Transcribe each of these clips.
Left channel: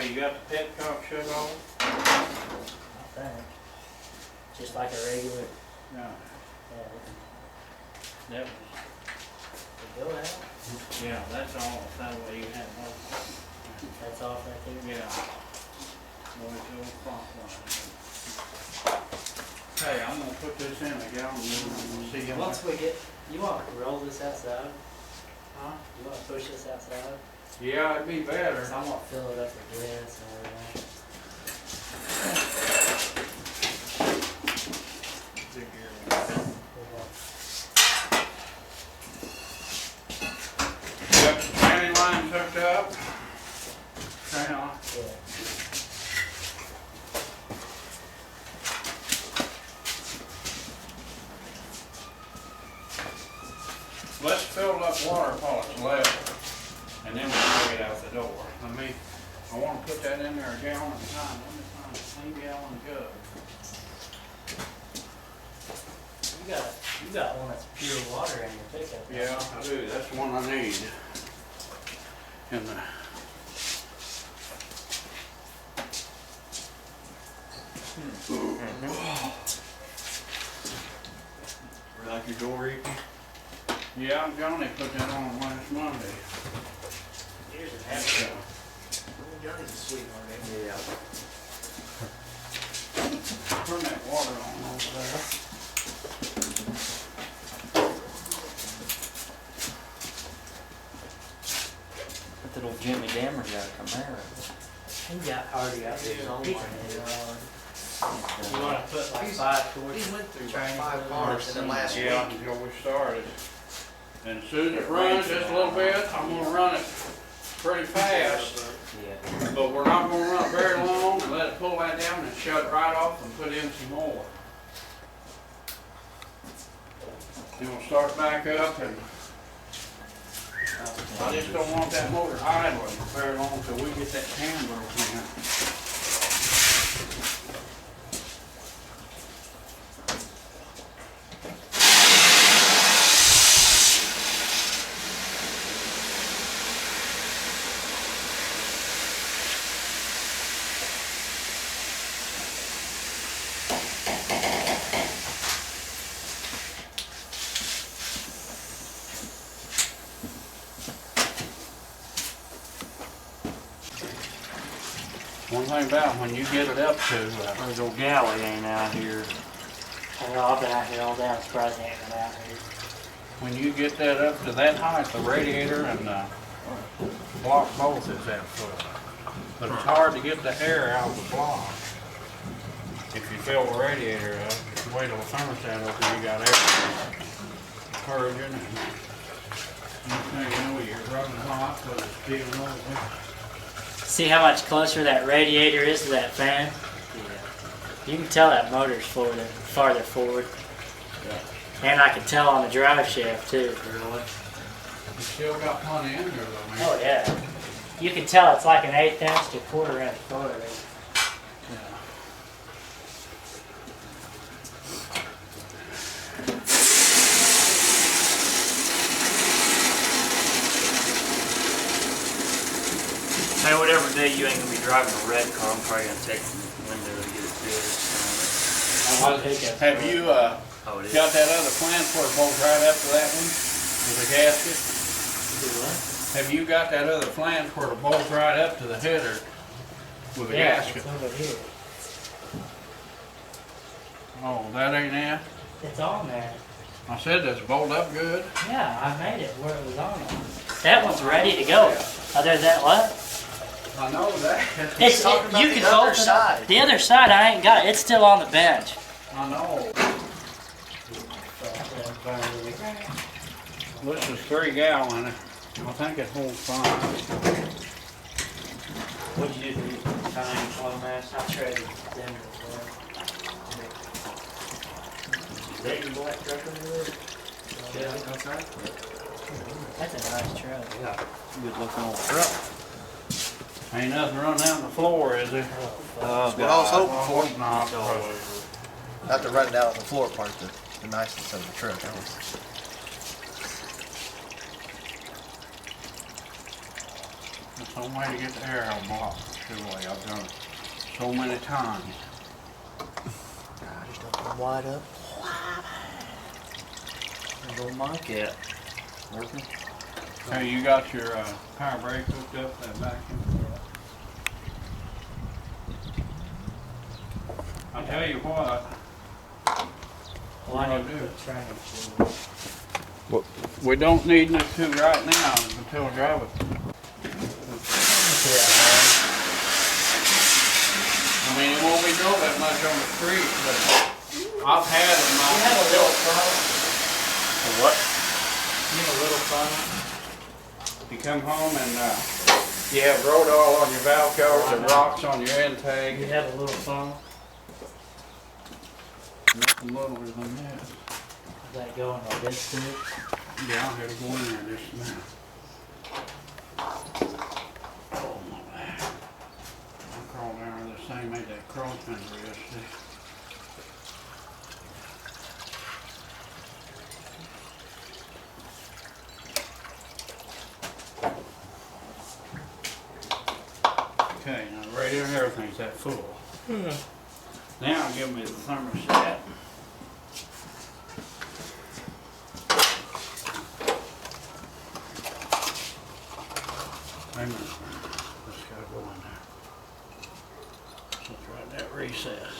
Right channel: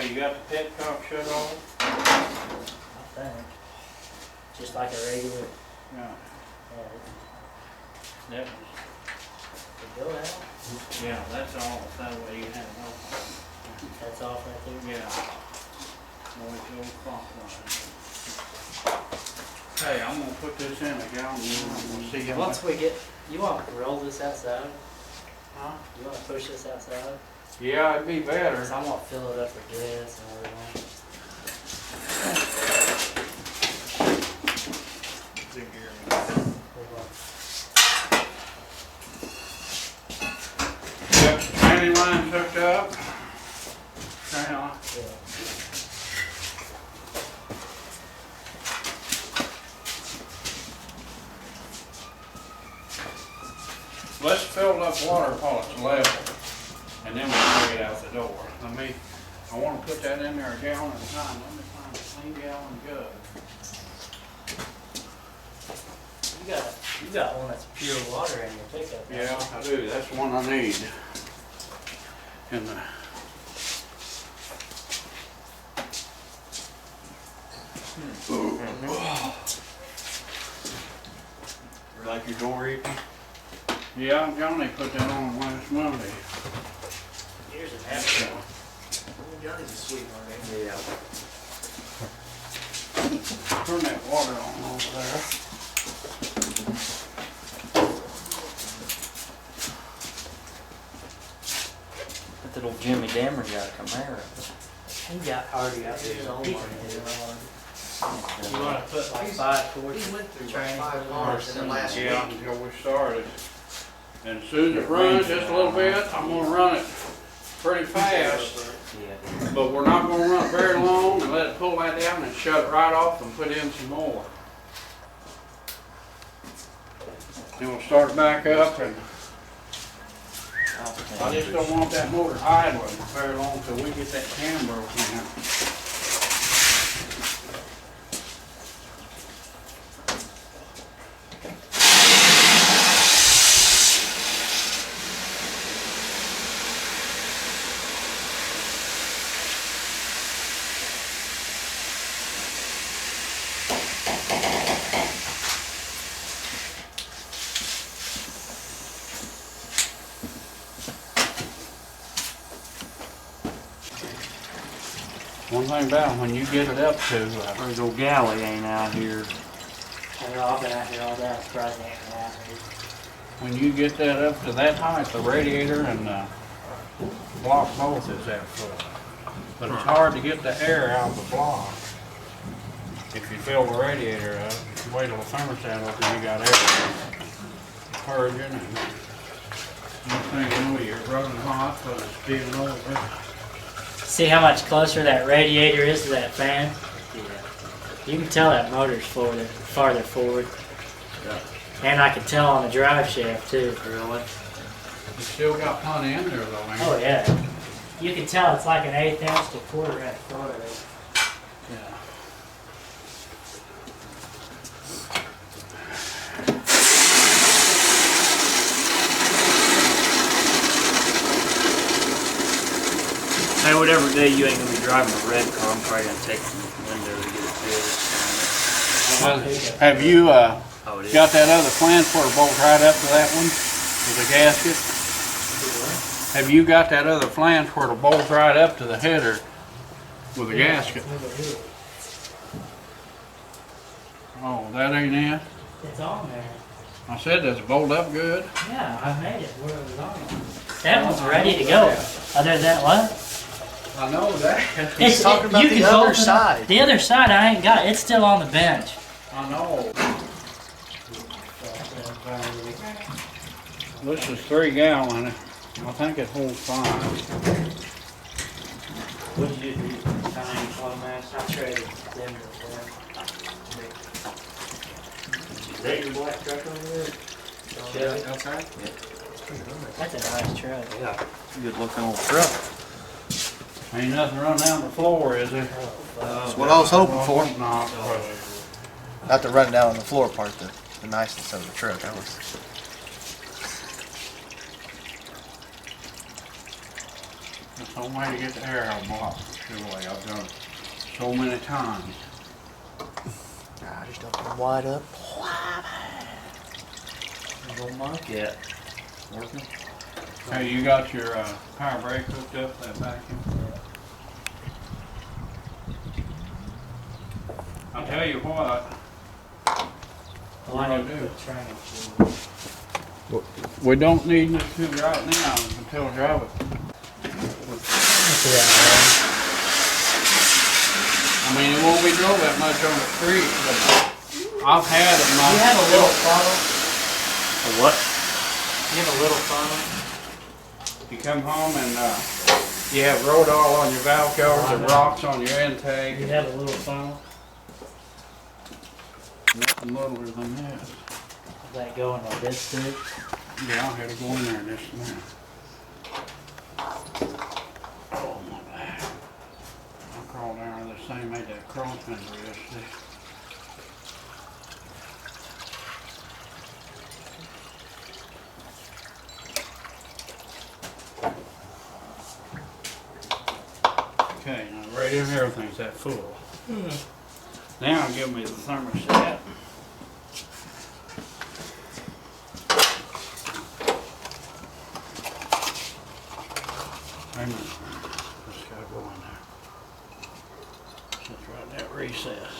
Okay, you got the petcock shut off? I think. Just like a regular, Yeah. yeah, That was, it go out. yeah, that's all, that way you have no, That's off right there. yeah. Always go clockwise. Hey, I'm gonna put this in a gallon, and we'll see how much. Once we get, you want to roll this outside? Huh? You want to push this outside? Yeah, it'd be better. Because I'm going to fill it up with gas and everything. Got the tranny lines hooked up. Hang on. Yeah. Let's fill up water while it's level, and then we'll take it out the door. I want to put that in there a gallon at a time. Let me find a clean gallon jug. You got one that's pure water in your pickup. don't Yeah, I do. That's the one I need. And Like your door empty? yeah, Johnny put that on last Monday. you? Here's an extra one. Johnny's a sweetheart, ain't he? Yeah. Turn that water on over there. That old Jimmy Dammer got a Camaro. He already got his own one. You You want to put like 5 towards He went through training like 5 cars in the last Yeah, week. until we started. And as soon as it runs just a little bit, I'm gonna run it pretty fast. Yeah. But we're not gonna run it very long and let it pull that down and shut it right off and put in some more. Then we'll start back up, and I just don't want that motor idling very long till we get that camber in. One thing about when you get it up to, There's old Galley ain't out here. I know I've been out here all day. I'm surprised he ain't been out here. when you get that up to that height, the radiator and the block both is that full. But it's hard to get the air out of the block. If you fill the radiator up, you wait till the thermostat open, you got air purging, and you know you're running hot because it's feeling over. See how much closer that radiator is to that fan? Yeah. You can tell that motor's farther forward. And I can tell on the drive shaft too. Really? You still got plenty in there though, man. Oh yeah. You can tell it's like an 1/8 inch to 1/4 inch motor. Yeah. Hey, whatever day you ain't gonna be driving a red car, I'm probably gonna take the window to get it fixed. Have you Oh, it is? got that other flange where it bolts right up to that one with the gasket? Have you got that other flange where it bolts right up to the header with the gasket? Oh, that ain't it? It's on there. I said, does it bolt up good? Yeah, I made it where it was on. That one's ready to go. Other than what? I know that. It's talking about you the can other bolt it up. side. The other side I ain't got. It's still on the bench. I know. This is 3 gallon. I think it holds 5. What'd you do? Tiny flow mass. I traded them for them. Is that your black truck over there? Yeah. Okay. That's a nice truck. Yeah. Good looking old truck. Ain't nothing running down the floor, is there? That's what I was hoping for. Not. Not the run down on the floor part, the niceness of the truck. That was. That's the only way to get the air out of the block. Surely, I've done it so many times. I just open them wide up. Little monkey at working. Hey, you got your power brake hooked up to that vacuum? I'll tell you what, Well, I need to put training shoes. we don't need this to right now until we drive it. I mean, it won't be drove that much on the street, but I've had it. You have a little funnel. A what? You have a little funnel. You come home and you have Rodol on your valve covers and rocks on your intake. You have a little funnel. Nothing littler than this. Does that go in like this too? Yeah, I had to go in there just now. Oh my back. I crawled down there this thing, made that cross fender yesterday. Okay, now the radio and everything's that full. Now give me the thermostat. Wait a minute. Just gotta go in there. Just right in that recess.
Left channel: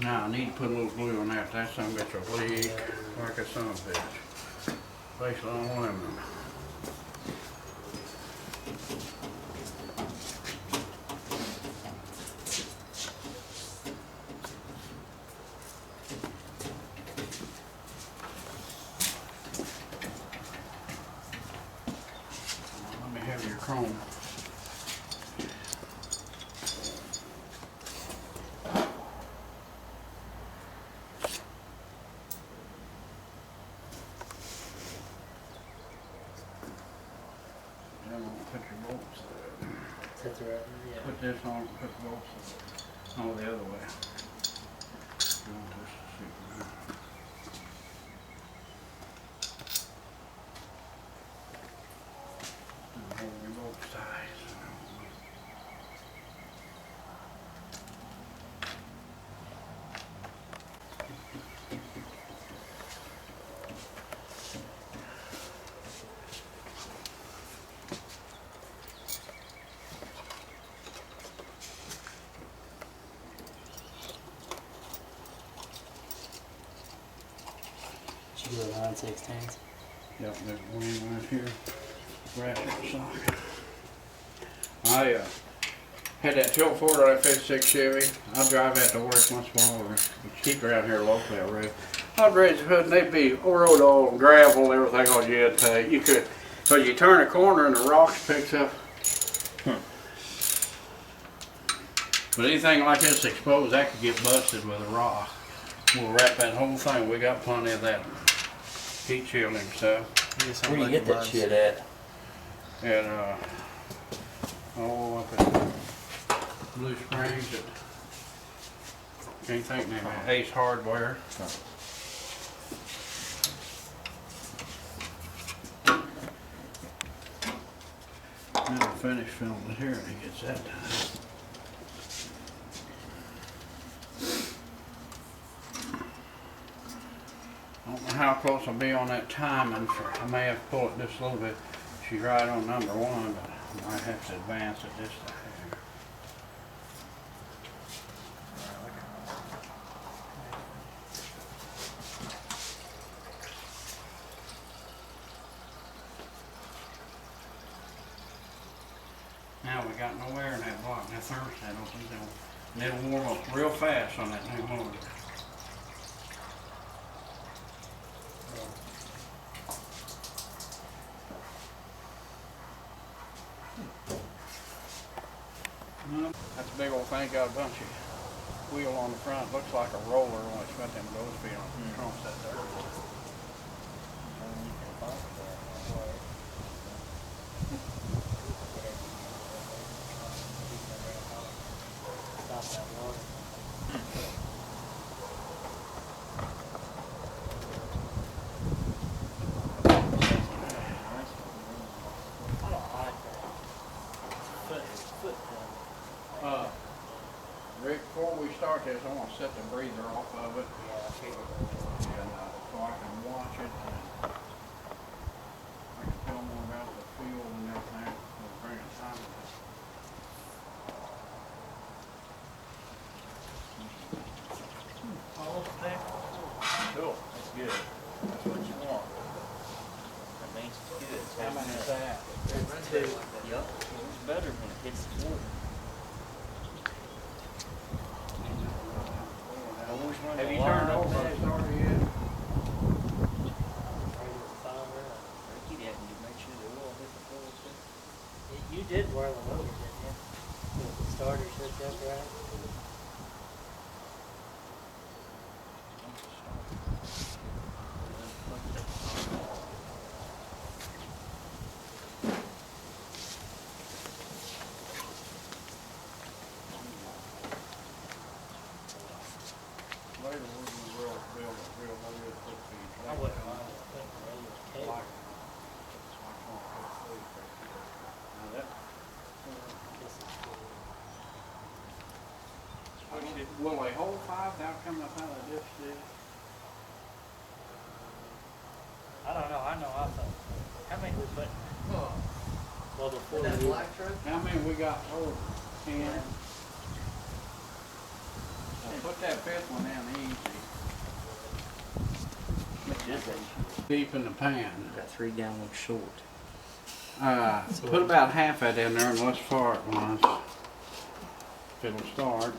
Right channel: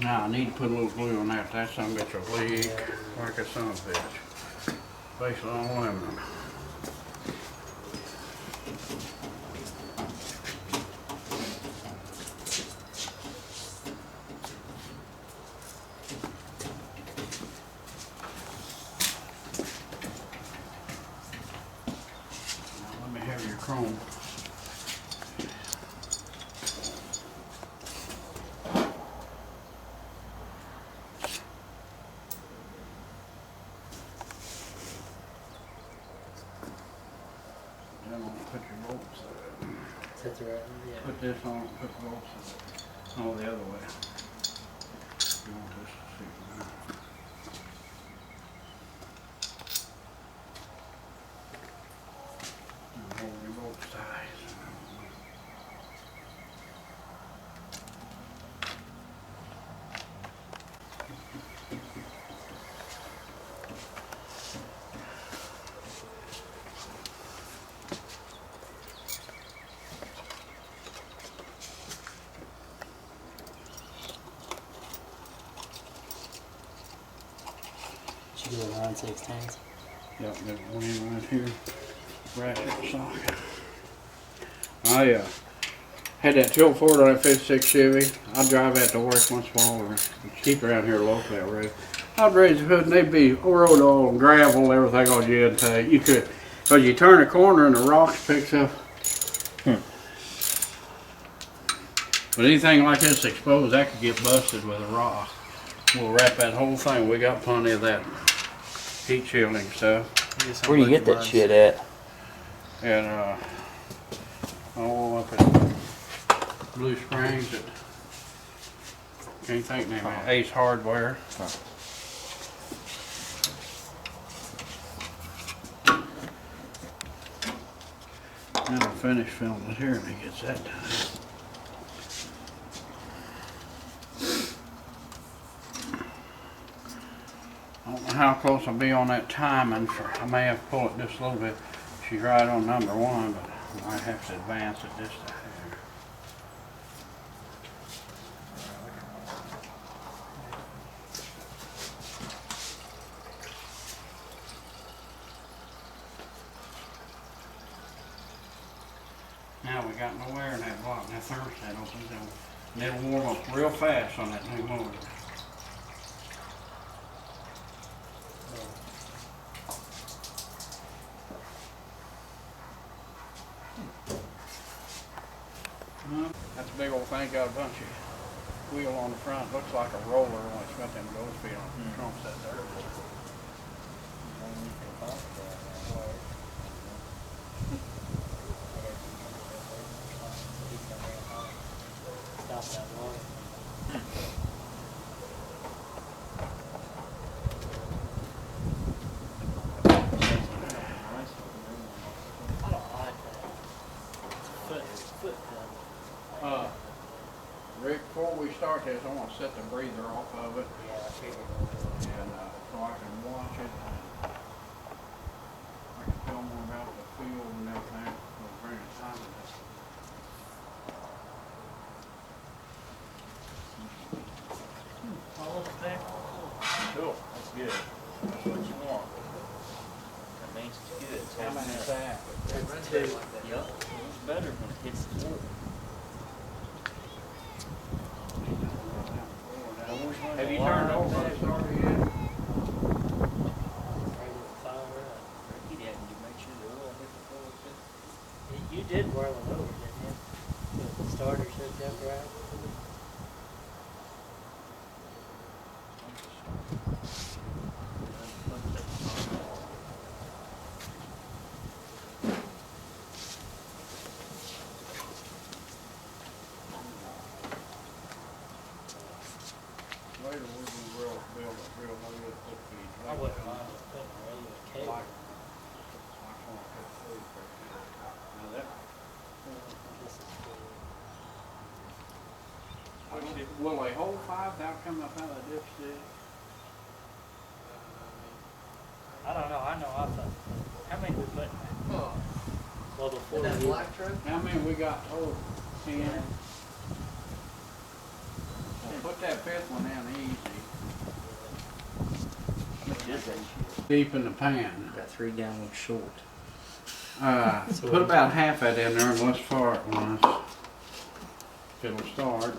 Now I need to put a little glue on that. That son of a bitch will leak like a son of a bitch. Basically on aluminum. Let me have your chrome. Then I'm gonna put your bolts there. That's right. Yeah. Put this on, put the bolts on the other way. You want this to see now. And hold your bolts tight. Should do a 9/16. Yep, there's one right here, ratchet socket. I had that tilt Ford on that 56 Chevy. I drive that to work once in a while, or keep around here locally that road. I'd raise the hood and they'd be road oil and gravel, everything on your intake. You could, cause you turn a corner and the rocks picks up. But anything like this exposed, that could get busted with a rock. We'll wrap that whole thing. We got plenty of that heat shielding stuff. Where do you get that shit at? And all up at Blue Springs at, can't think name of it, Ace Hardware. Now I'll finish filming it here when he gets that done. I don't know how close I'll be on that timing for, I may have to pull it just a little bit. She's right on number one, but I might have to advance it just a hair. Now we got no air in that block, and that thermostat opens down. And it'll warm up real fast on that new motor. That's a big old thing, got a bunch of wheel on the front, looks like a roller when it's got them ghost feet on it, trumps that dirt. Stop that water. start this, I wanna set the breather off of it, Yeah, I figured. and, so I can watch it, and I can tell more about the field and everything, we'll bring it time to this. All there. Cool. That's good. That's what you want. That means it's good. It's How many is that? That's two. Yep. It's better when it hits the floor. Always run Have the you line turned over back. the starter yet? Ricky didn't. You make sure the oil hit the floor too. You did whirl it over, didn't you? The starter hooked up right. Later, we're gonna build a real good foot feed. I wouldn't mind putting a radio cable. Like, I can't put food right here. Now that, This is cool. will a whole 5 come up out of the dipstick? I don't know. I know. I thought. How many we put? Well, before That we. black truck? How many we got total? 10? Well, put that fifth one down easy. Which is that? Deep in the pan. Got 3 gallons short. Put about half that in there and let's fart once. It'll start.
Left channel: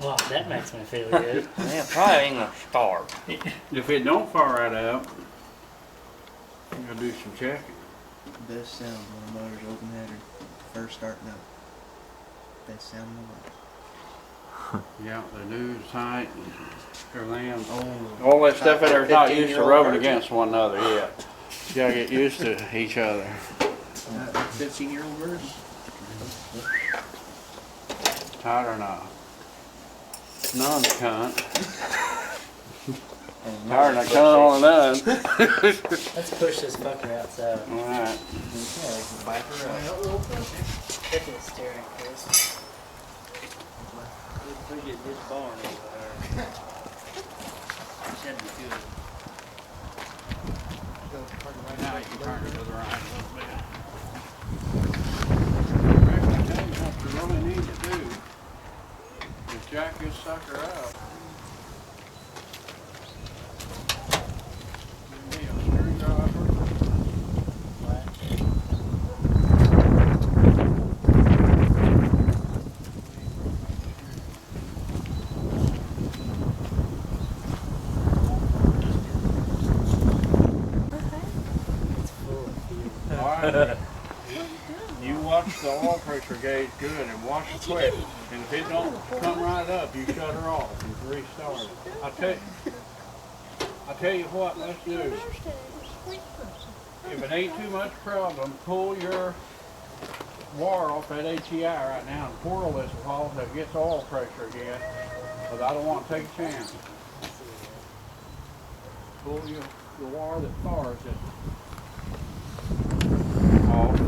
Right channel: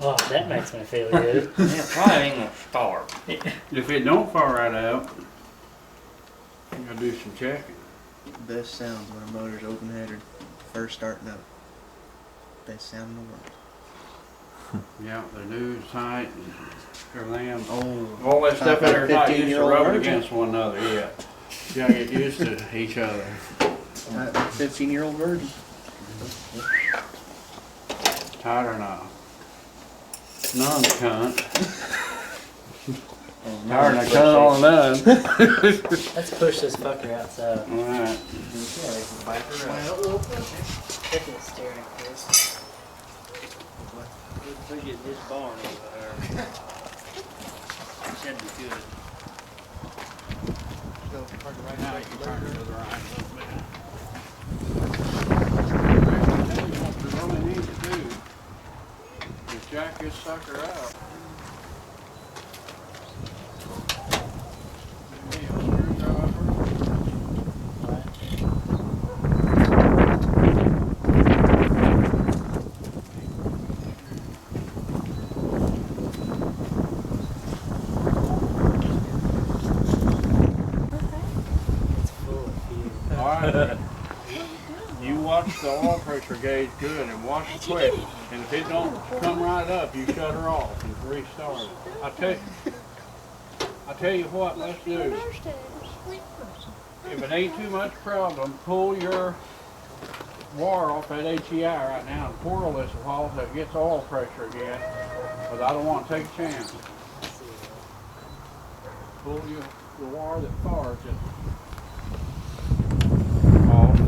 Oh, that makes me feel good. Yeah, probably ain't gonna start. If it don't fart right out, you gotta do some checking. Best sound when a motor's open headed, first starting up. Best sound in the world. Yeah, the news tight and everything else. Oh, All that stuff in there is not used to 15-year-old rubbing virgin. against one another yet. You gotta get used to each other. 15-year-old virgin. Tight or not? None's cunt. Tired and cunt on none. Let's push this fucker outside. Alright. Look at the steering, Chris. We'll get this barn over there. Should be good. Now you can turn it to the right a little bit. Rick, I tell you what you really need to do is jack this sucker up. Give me a screwdriver. It's full of fuel. Alright. You watch the oil pressure gauge good and watch it quick. And if it don't come right up, you shut her off and restart it. I tell you what, let's do. If it ain't too much problem, pull your wire off that HEI right now and twirl this a while so it gets oil pressure again. Because I don't want to take a chance. Pull the wire that fires it off.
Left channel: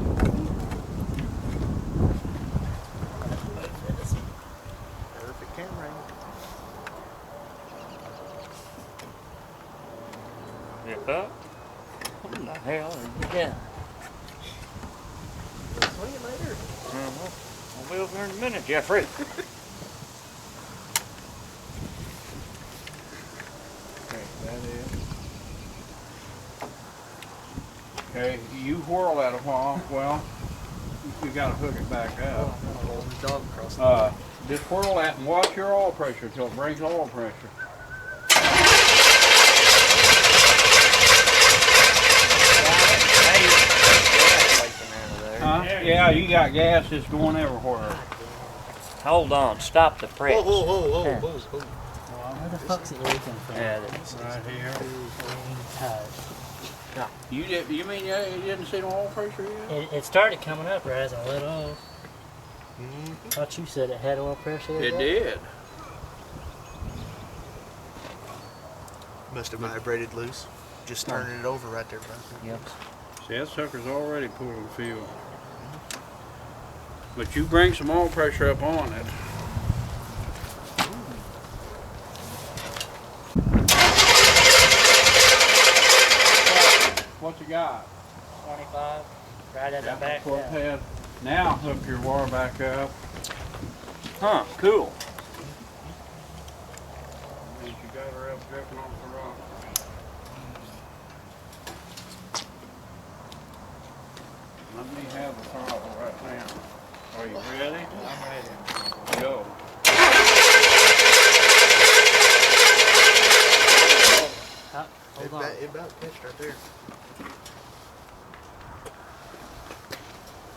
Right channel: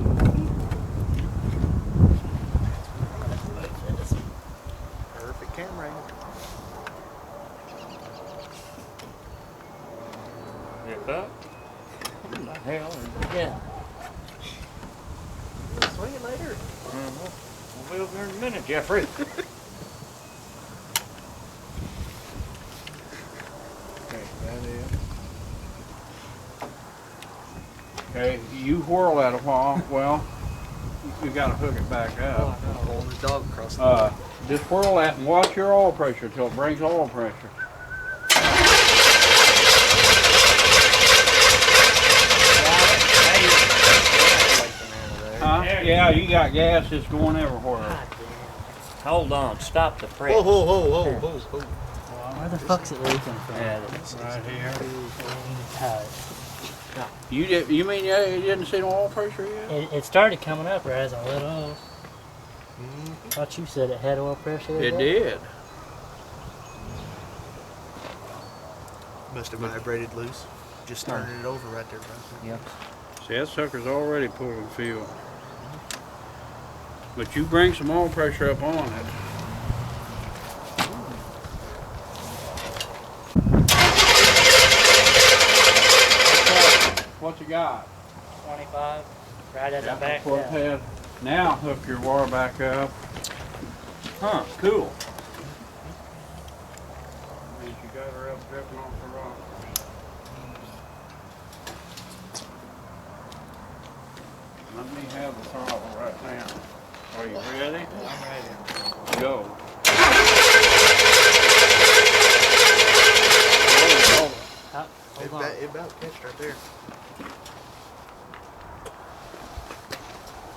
Perfect camera angle. Zip up. What the hell are you doing? Swing it later. We'll be over here in a minute, Jeffrey. Okay, that is. Okay, you whirl that a while. Well, you gotta hook it back up. Holding the dog across the Just whirl that and watch your oil pressure till it brings oil pressure. Huh? Yeah, you got gas that's going everywhere. Hold on, stop the press. Whoa, whoa, whoa, whoa, whoa, whoa. Where the fuck's it leaking from? Yeah, Right here. Tight. You mean you didn't see no oil pressure yet? It started coming up right as I let off. Thought you said it had oil pressure. It did. Must have vibrated loose. Just turning it over right there, bro. Yep. See, that sucker's already pulling fuel. But you bring some oil pressure up on it. What you got? 25. Right at the back. Foot Yeah. head. Now hook your wire back up. Huh, cool. Means you got her up dripping off the rock. Let me have the throttle right now. Are you ready? I'm ready. Go. Hold on. It about catched right there.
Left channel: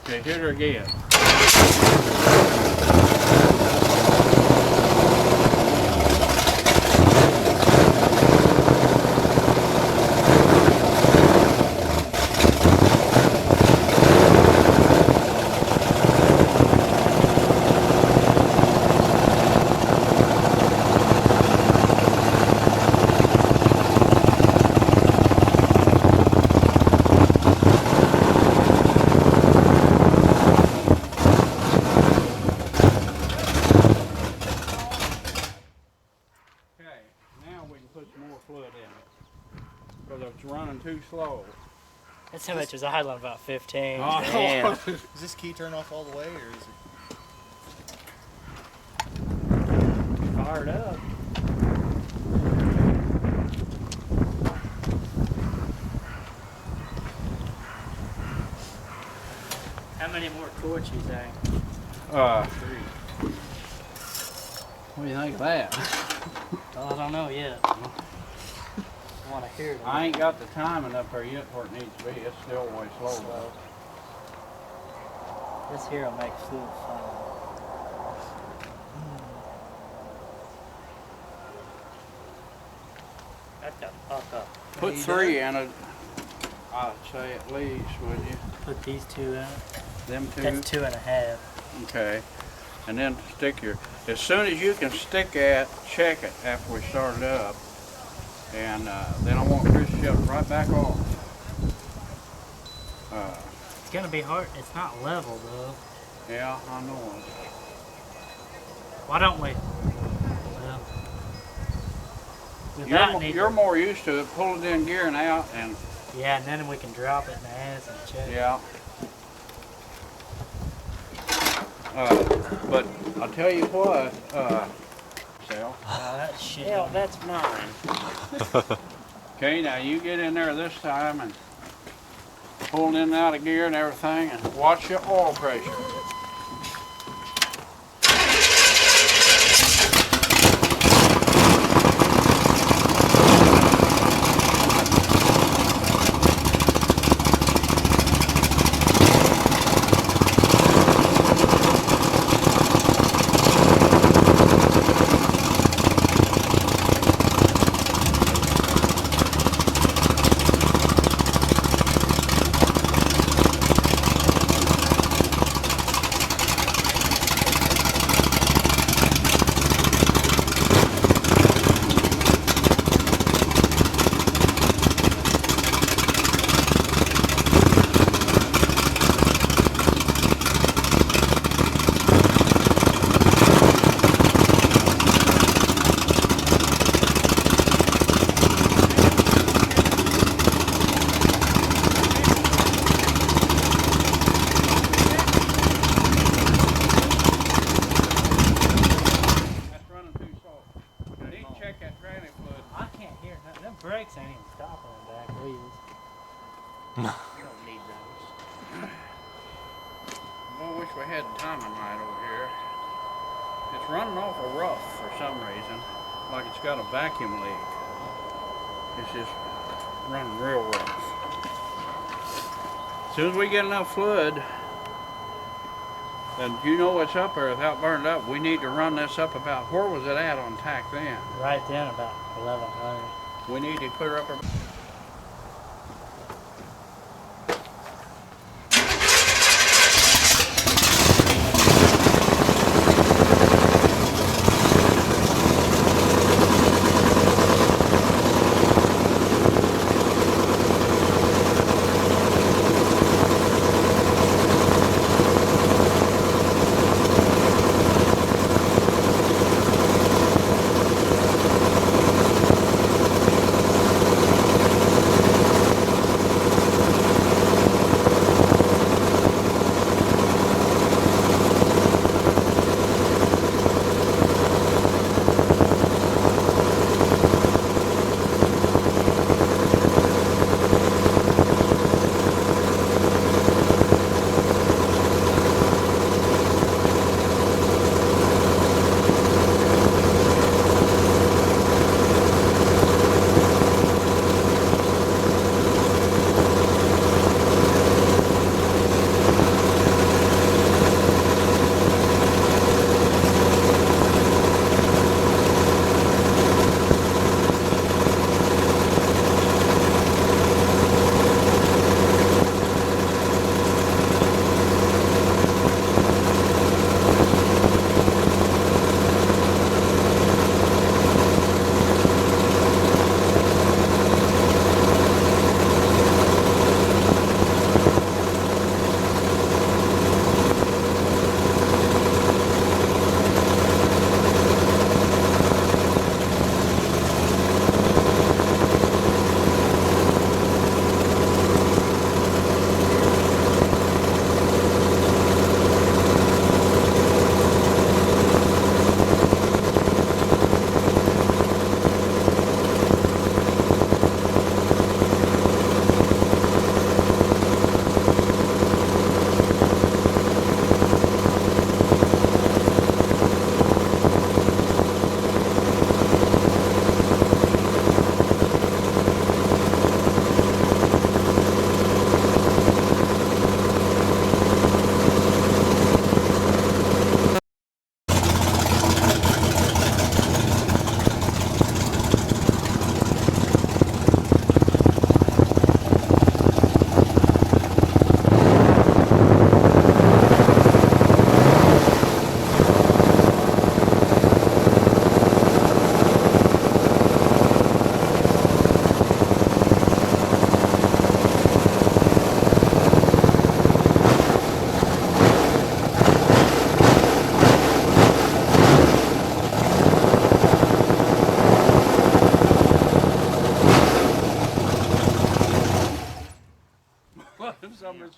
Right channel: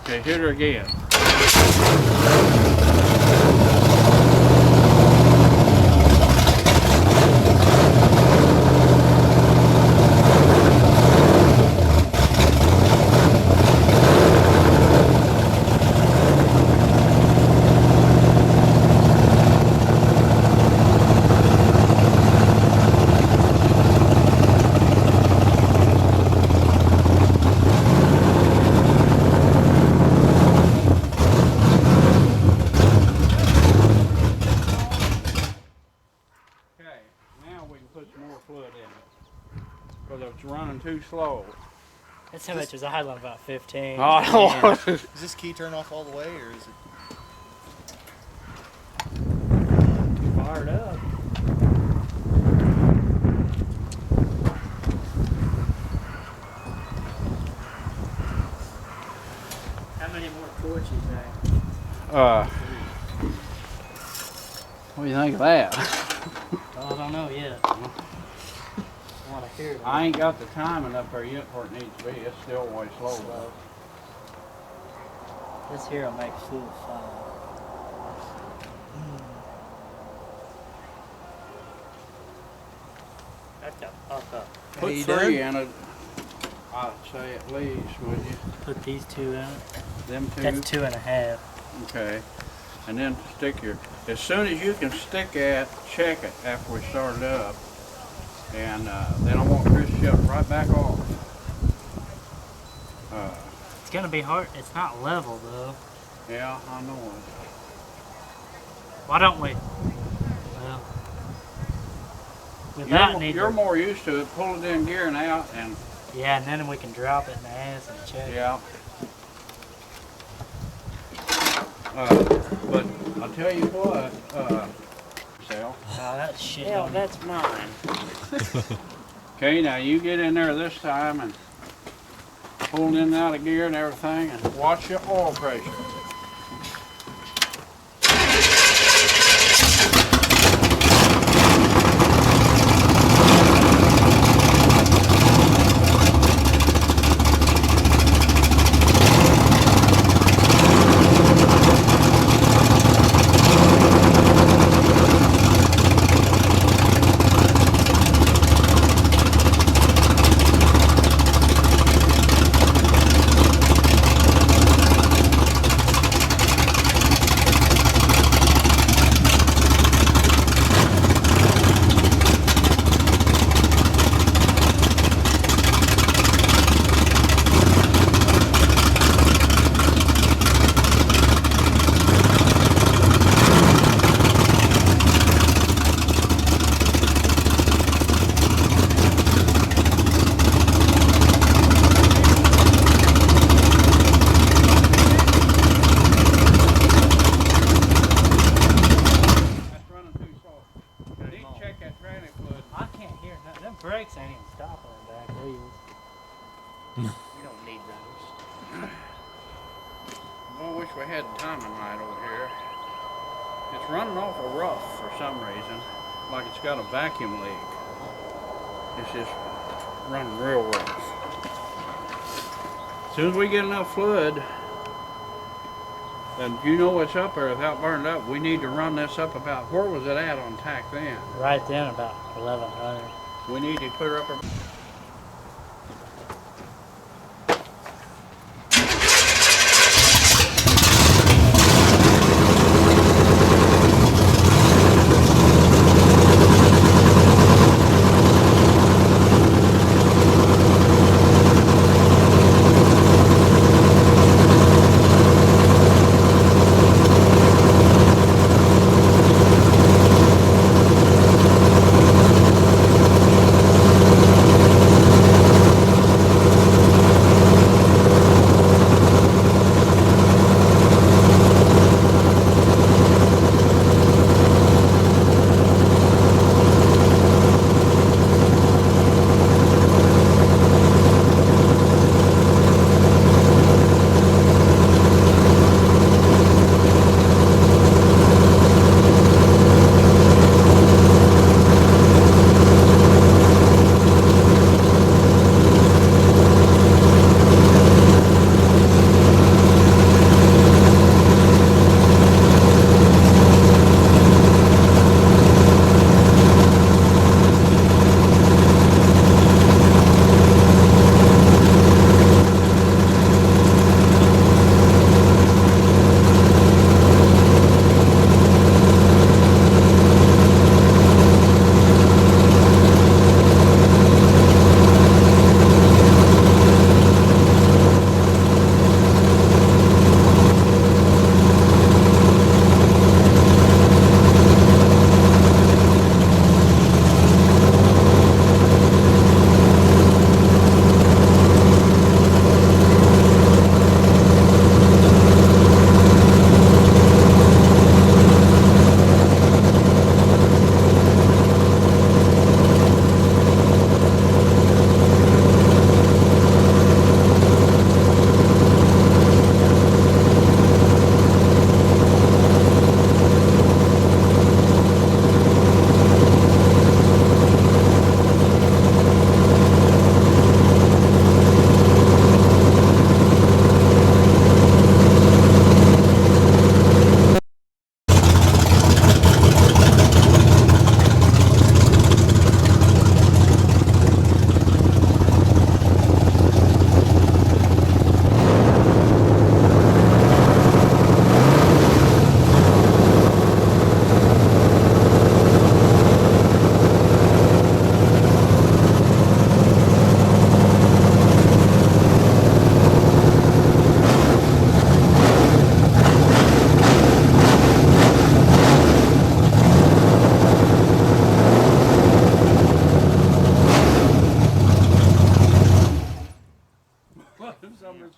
Okay, hit her again. Okay, now we can put some more fluid in it. Because it's running too slow. That's how much was idling, about 15. Oh, Is this key turn off all the way, or is it? Fired up. How many more quarts you think? what do you think of that? Oh, I don't know yet. I want to hear it. I ain't got the timing up there yet where it needs to be. It's still way slow. Slow. This here will make full fun. Back the fuck up. Put you 3 in it. I'd say at least, would you? Put these 2 in it. Them 2? That's 2.5. Okay. And then stick your, as soon as you can stick at, check it after we start it up. And then I want Chris to shut it right back off. It's gonna be hard. It's not level though. Yeah, I know it. Why don't we? Well, without need You're to- more used to it. Pull it in gear and out, and Yeah, and then we can drop it in the ass and check. yeah. But I'll tell you what, Sal. Oh, that shit. Hell, don't- that's mine. Okay, now you get in there this time and pull it in and out of gear and everything, and watch your oil pressure. That's running too slow. You need to check that tranny fluid. I can't hear nothing. Them brakes ain't even stopping the back wheels. You don't need those. Well, I wish we had the timing right over here. It's running awful rough for some reason, like it's got a vacuum leak. It's just running real rough. As soon as we get enough fluid, then you know what's up there without burning up. We need to run this up about, where was it at on tack then? Right then, about 1100. We need to put her up.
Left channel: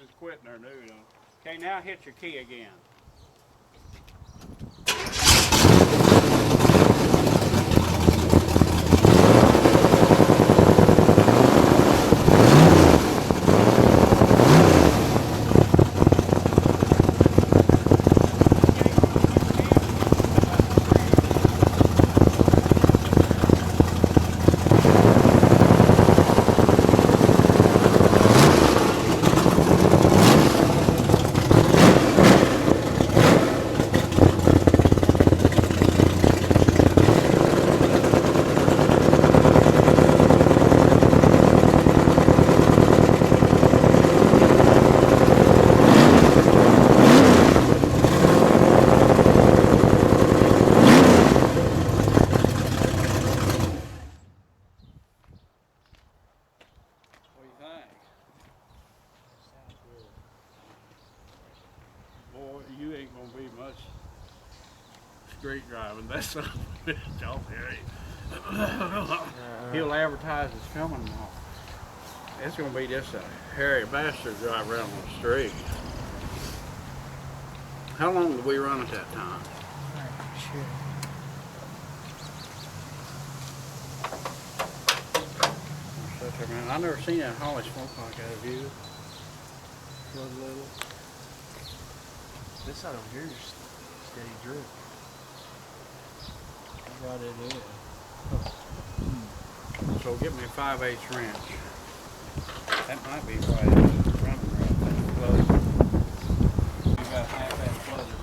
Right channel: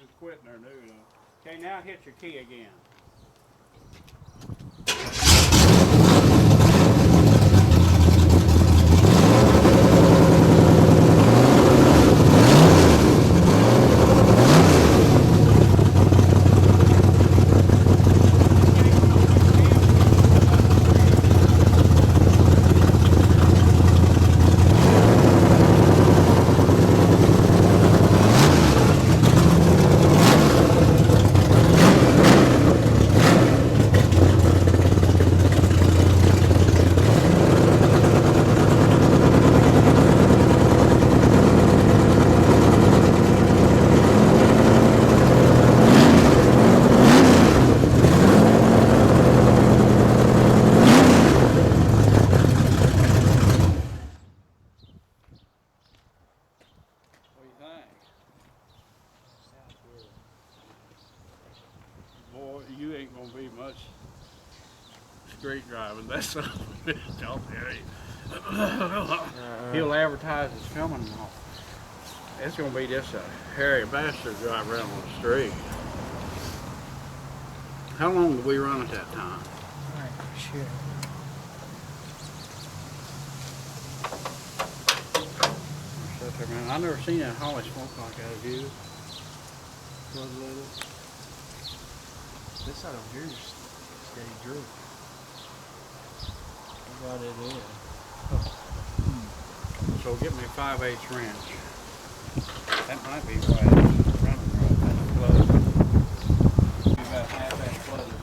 is quitting her new. Okay, now hit your key again. What do you think? Sounds good. Boy, you ain't gonna be much street driving. That's I'll tell you. He'll advertise it's coming. It's gonna be just a hairy bastard drive around on the street. How long did we run at that time? Alright, sure. Shut there, man. I never seen that Holly smoke like that. Have you? Was little. This side over here is steady drip. I brought it in. So get me a 5/8 wrench. That might be why it's running rough. That's flooded. You got half that flooded.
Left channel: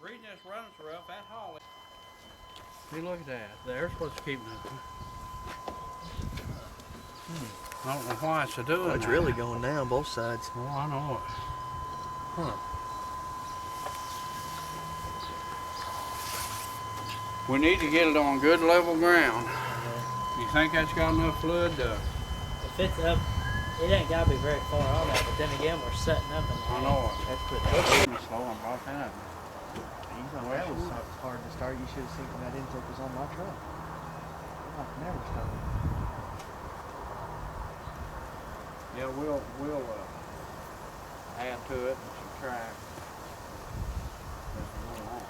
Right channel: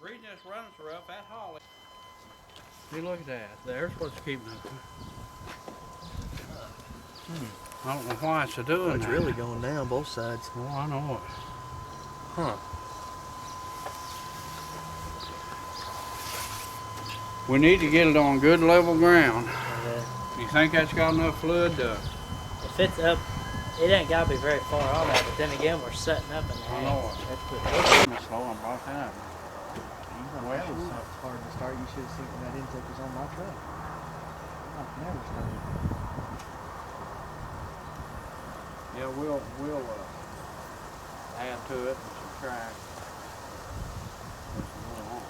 Reading this runs rough, that Holly. See, look at that. There's what's keeping it. I don't know why it's doing Oh, it's that. really going down both sides. Oh, I know it. Huh. We need to get it on good level ground. Okay. You think that's got enough fluid to... If it's up, it ain't gotta be very far on that, but then again, we're setting up in the I know it. That's what I'm slow on about that. that was hard to start. You should have seen when that intake was on my truck. I've never started. Yeah, we'll add to it and subtract as we go along.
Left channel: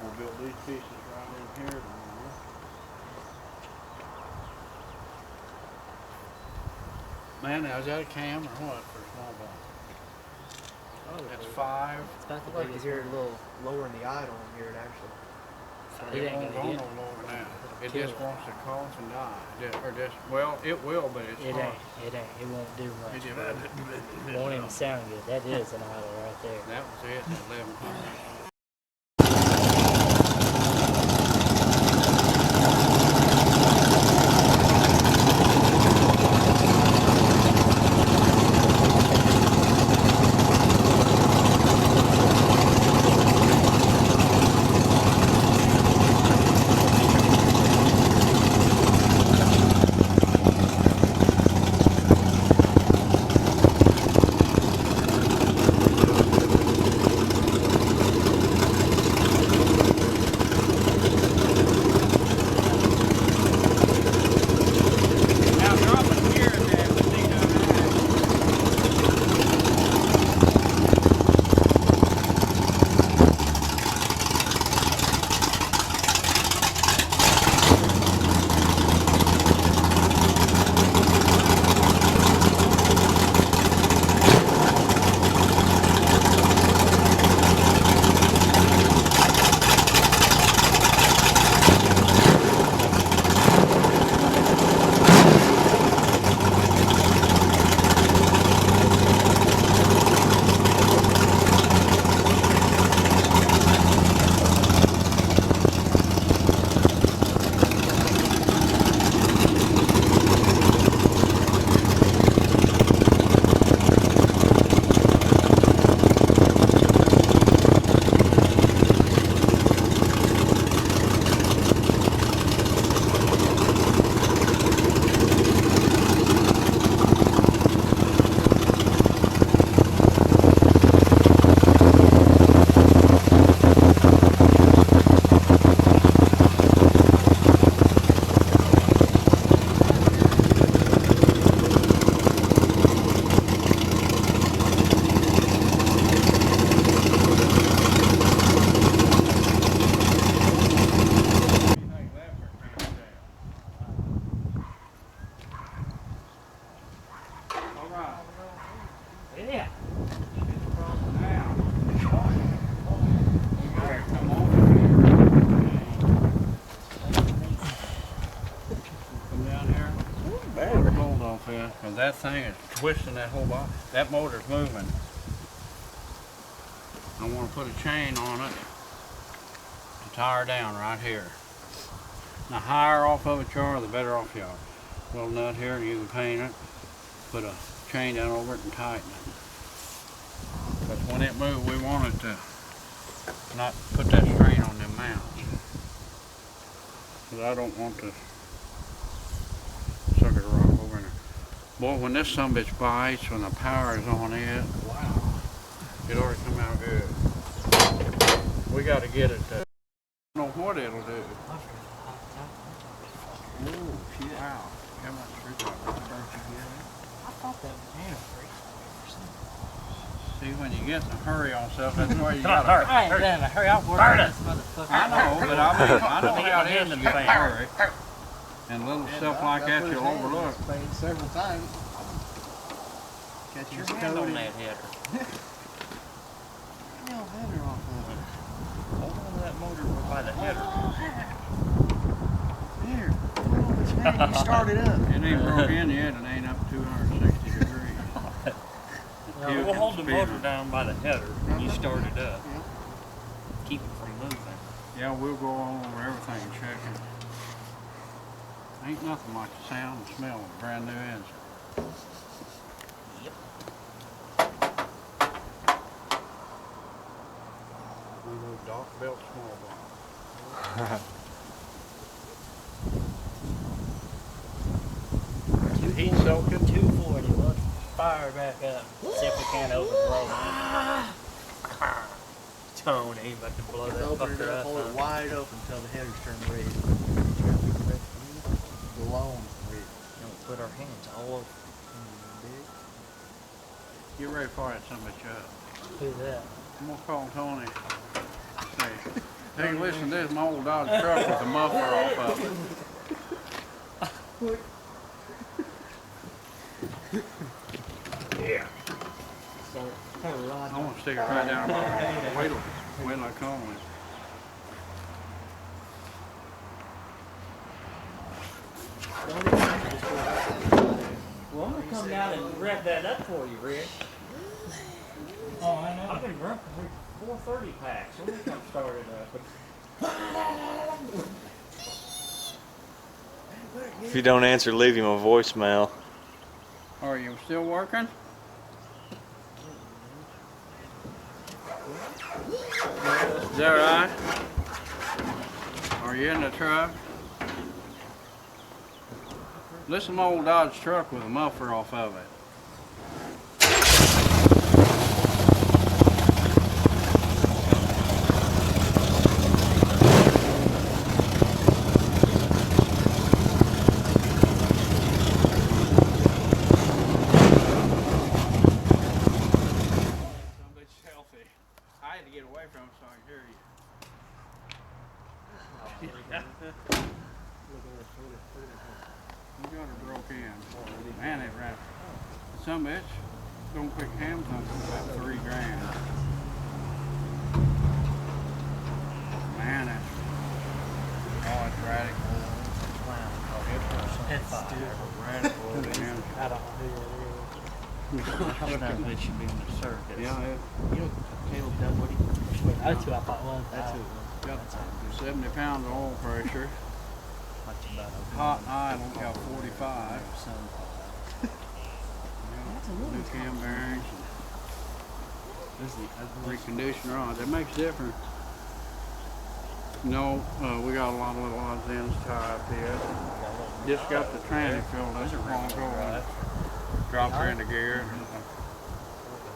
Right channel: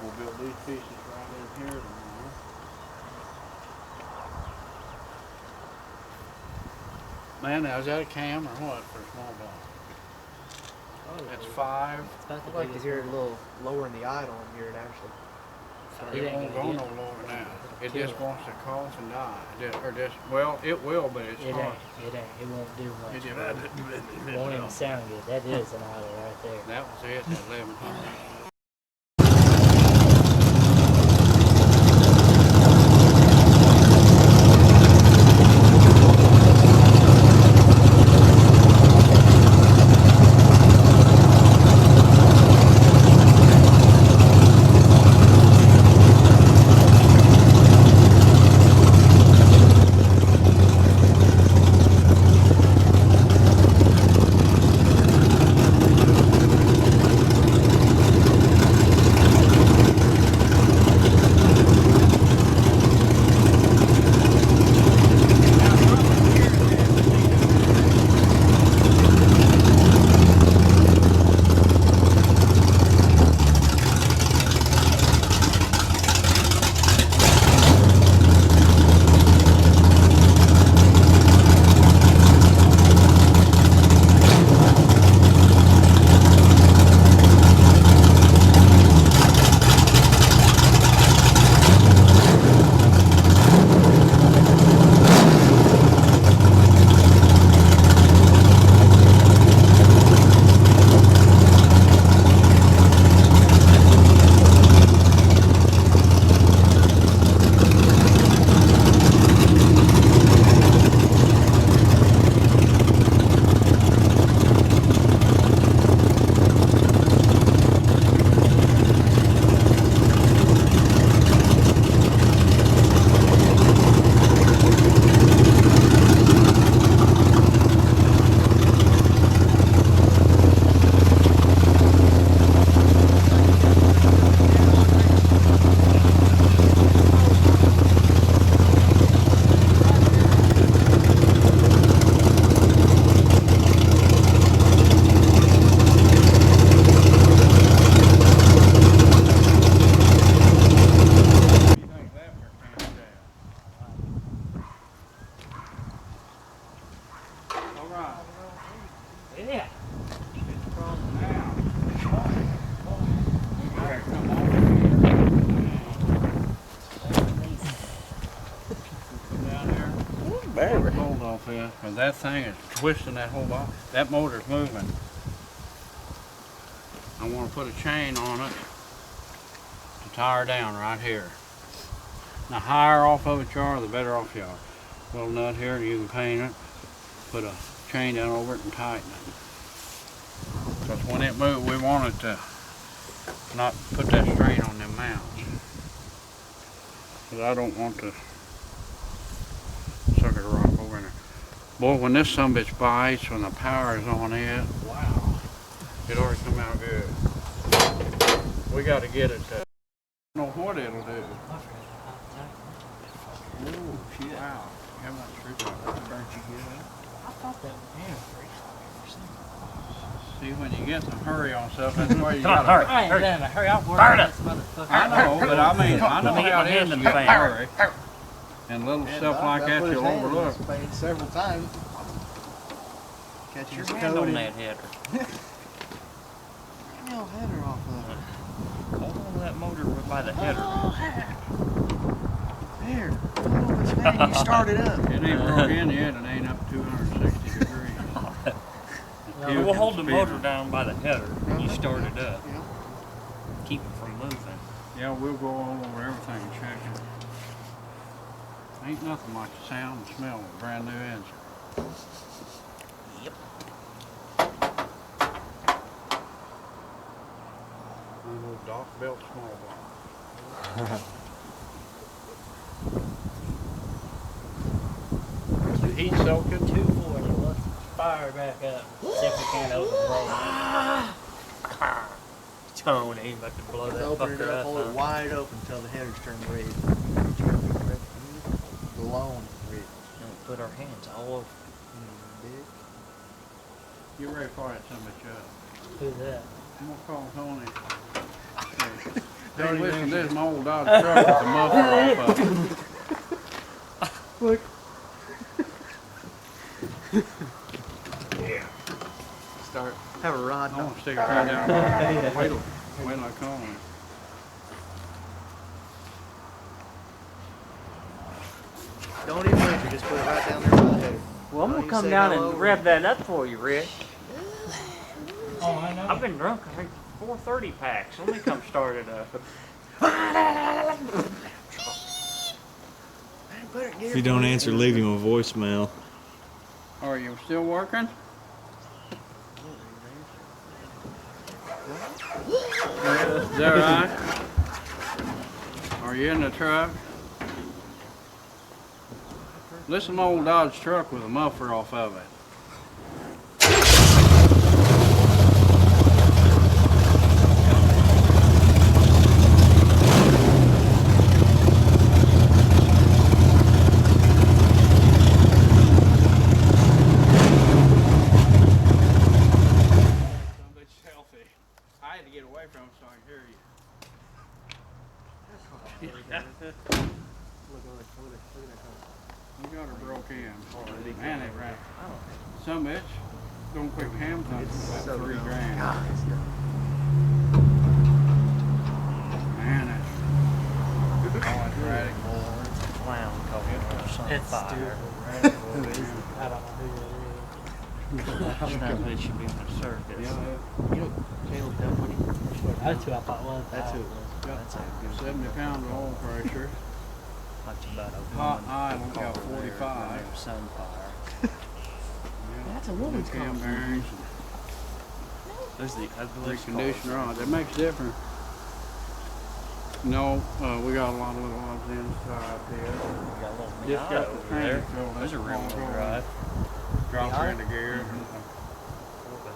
We'll build these pieces right in here tomorrow. Man, now is that a cam or what for a small block? That's 5. It's about I'd the like to biggest hear it a one. little lower in the idle and hear it actually. It It ain't won't go gonna no get- lower now. It kill just it. wants to cough and die. Well, it will, but it's It hard. ain't. It won't do much. It It won't even sound good. That is an idle right there. That was it, that 1100. moving, cause that thing is twisting that whole body. That motor's moving. I wanna put a chain on it to tie her down right here. The higher off of it you are, the better off you are. Little nut here, you can paint it, put a chain down over it and tighten it. Cause when it moves, we want it to not put that strain on them mounts. Cause I don't want to sucker rock over in there. Boy, when this sumbitch bites, when the power is on it, wow, it already come out good. We got to get it to know what it'll do. Ooh, shit. Wow, how much screwdriver? Burnt you good? I thought that was hand free. See, when you get in a hurry on stuff, that's where you Come on, gotta. hurry. I ain't done a hurry. I'll work Burn on it. this motherfucker. I know, but I mean, I know Let me get how my it hand is in to the get in a fan. hurry. And little stuff like that you'll overlook. Several times. Catch Your your hand toad on in. that header. No header off of it. Hold on to that motor by the header. There. Hold on, it's man. You started up. It ain't broke in yet, it ain't up 260 degrees. Yeah, we'll hold the motor down by the header when you start it up. Yeah. Keep it from moving. Yeah, we'll go all over everything and check it. Ain't nothing like the sound and smell of a brand new engine. Yep. One of those Doc built small block. Heat soaking. 240. Let's fire back up. See if we can't open the road. Tone ain't about to blow that Open it fucker up, up. hold it huh? wide open until the header's turned red. It's gonna be red. Glowing red. Don't put our hands all over. Big. Get ready for it, somebody up. Who's that? I'm gonna call Tony. Hey, listen, this is my old Dodge truck with the muffler off of it. Look. Yeah. Start. Have a rod. I want to stick it right down. Wait till I call him. Don't even touch it, just put it right down there. Well, I'm Oh, gonna you come say down hello? and rev that up for you, Rick. Oh, I know. I've been drunk, I think 430 packs. Let me come start it up. If you don't answer, leave him a voicemail. Are you still working? Is that right? Are you in the truck? This is my old Dodge truck with a muffler off of it. Somebody's healthy. I had to get away from him so I could hear you. You got her broke in. Man, it ran. Some bitch don't quick ham punch for about $3 grand. Man, it's radical. Clown car. It's stupid. Radical. I don't know who Sometimes it should be on the circus. Yeah, You know Caleb Dunwoody? that is. That's who I thought was. That's who it was. got That's how good. 70 pounds of oil pressure. Much about a Hot woman idle got over there, 45. their Sunfire. That's a New woman's cam car. bearings, There's the ugliest reconditioned rods. It makes a difference. No, we got a lot of little odds and ends tied up here. Just got the tranny filled up There's a long rear ago. drive. Dropped her into gear.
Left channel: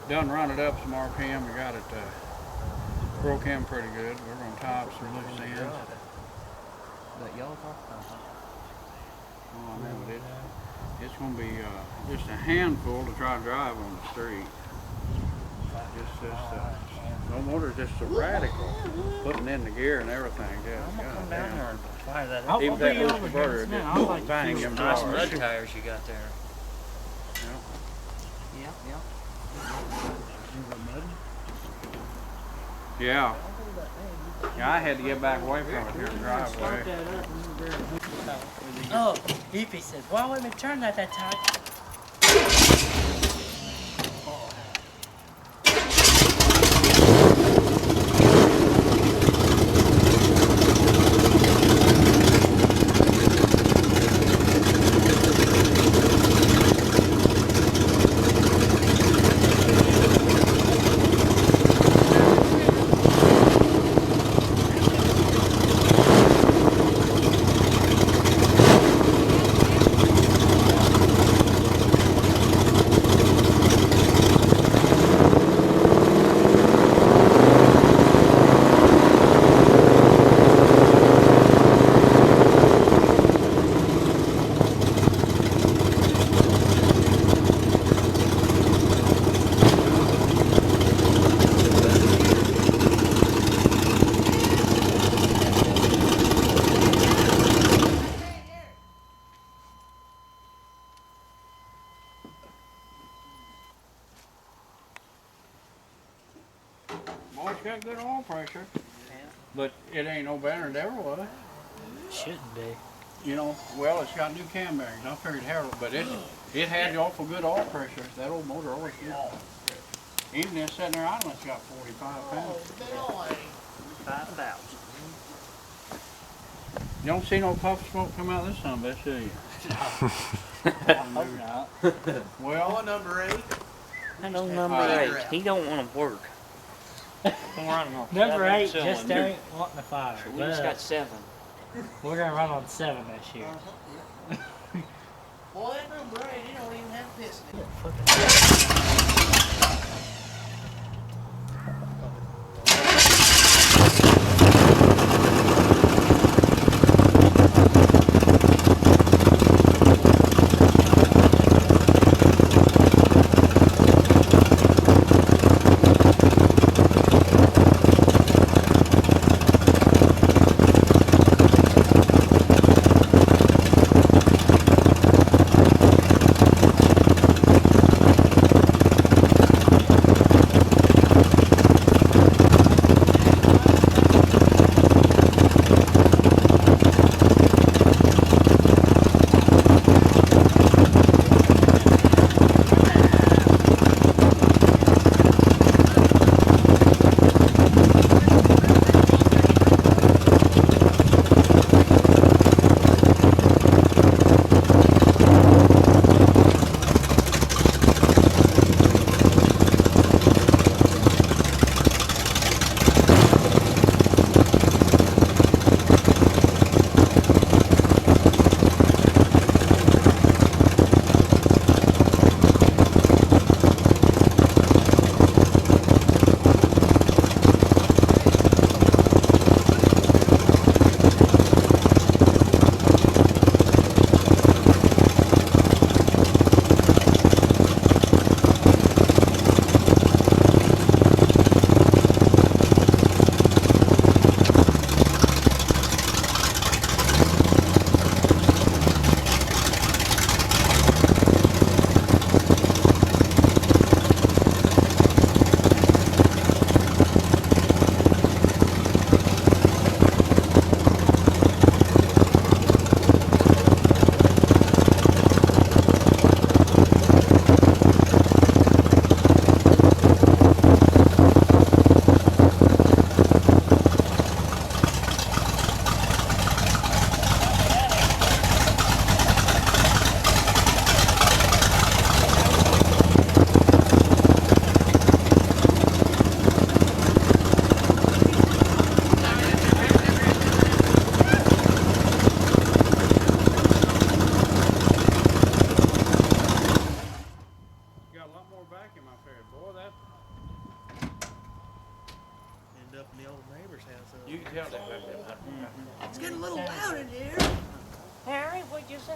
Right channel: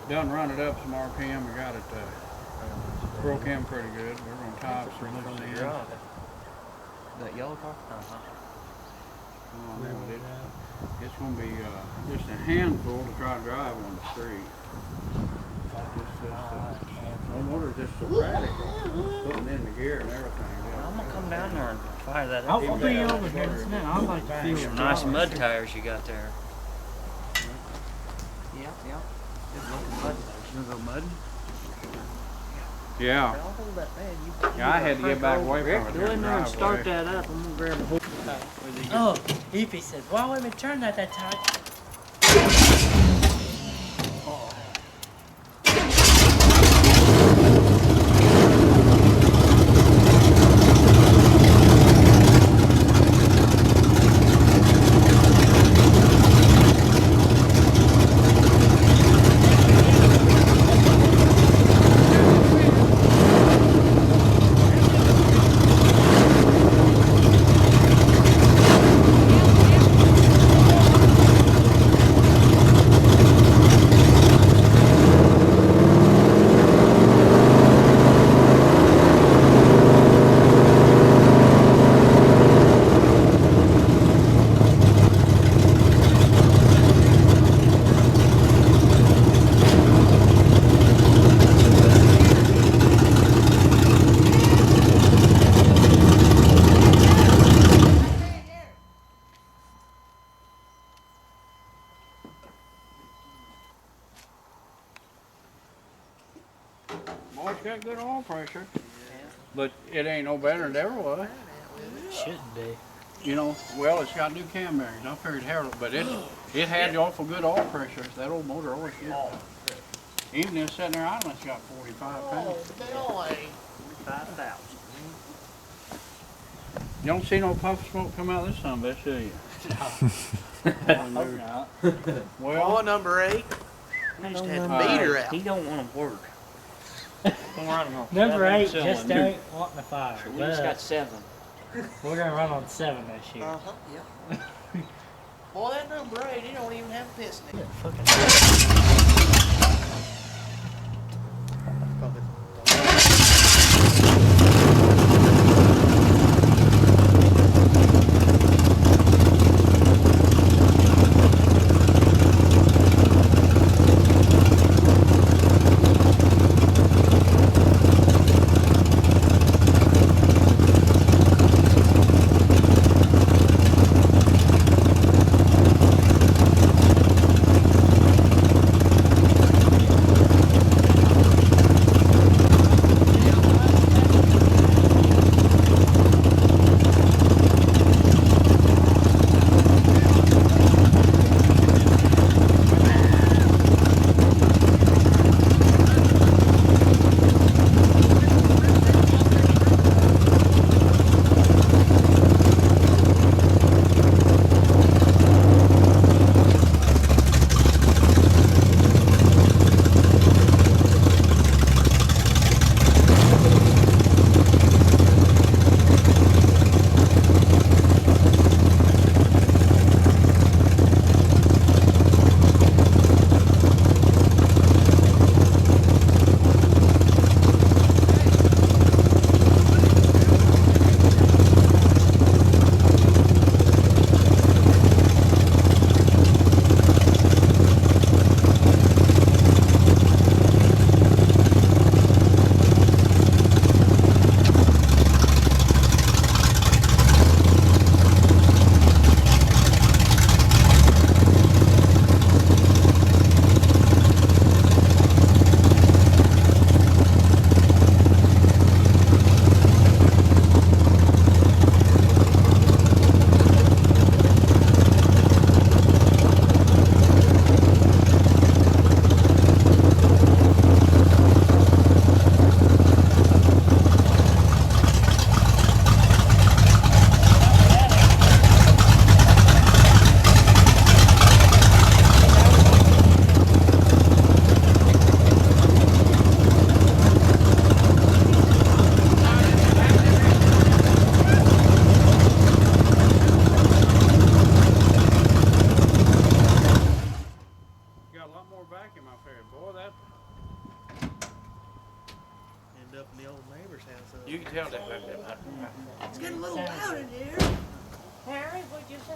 Done run it up some RPM. We got it broke in pretty good. We're gonna tie up some loose ends. That yellow car? Oh, I know it. It's gonna be just a handful to try to drive on the street. No motor, just so radical. Putting in the gear and everything. Yeah, I'm gonna come down there and fire that I'll up. be Even that over here in a motor, minute. just I'd like to bang feel them the Nice dollars. mud tires you got there. Yeah, yeah. Mud? Yeah. I'll hold that man. Yeah, I had to get back away from it Go here in in the there and start driveway. that up. I'm gonna grab it. Oh, Evie said, why would we turn that tight? got good oil pressure, but it ain't no better than it ever was. Shouldn't be. You know, well, it's got new cam bearings. I figured Harold, but it had awful good oil pressure. That old motor always did. Even if it's sitting there idling, it's got 45 pounds. 5,000. You don't see no puff smoke come out of this son of a bitch, do you? Hope not. Well, number 8. Hello, had number meter 8. out. He don't want to work. I'm running on Number 7 8 cylinder. just ain't wanting to fire. We just got But 7. we're gonna run on 7 this year. Yep. Boy, that number 8, he don't even have a piston in it. Fucking vacuum up there, boy. That End up in the old neighbor's house. you can tell that. It's getting a little loud in here. Harry, what'd you say?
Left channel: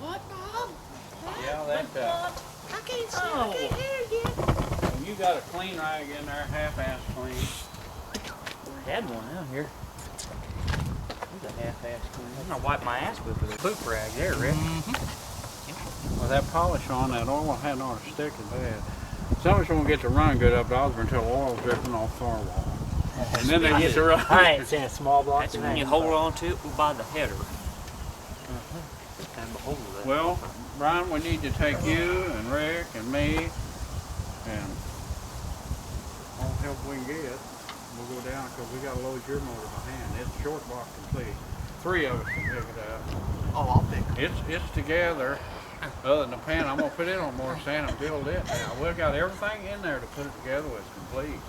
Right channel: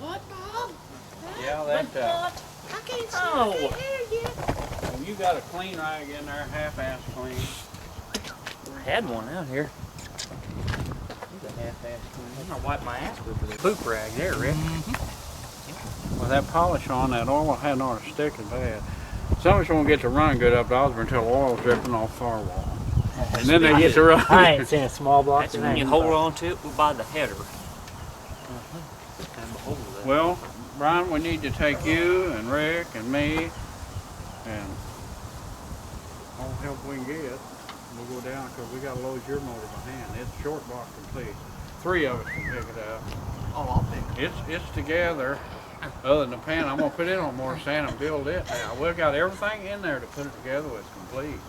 What, Bob? Yeah, that. I can't see. Oh. I can't hear you. Well, you got a clean rag in there, half-ass clean. I had one out here. It's a half-ass clean. I'm gonna wipe my ass with a poop rag there, Rick. With that polish on, that oil had not sticking bad. Some of us won't get to run good up to Osborne until oil's dripping off firewall. And then they get to run. I ain't seen a small block. That's when you hold on to it by the header. Well, Brian, we need to take you and Rick and me and all the help we can get. We'll go down because we got to load your motor by hand. It's short block complete. 3 of us can pick it up. Oh, I'll pick it. It's together. Other than the pan, I'm gonna put it on more sand and build it now. We've got everything in there to put it together with complete.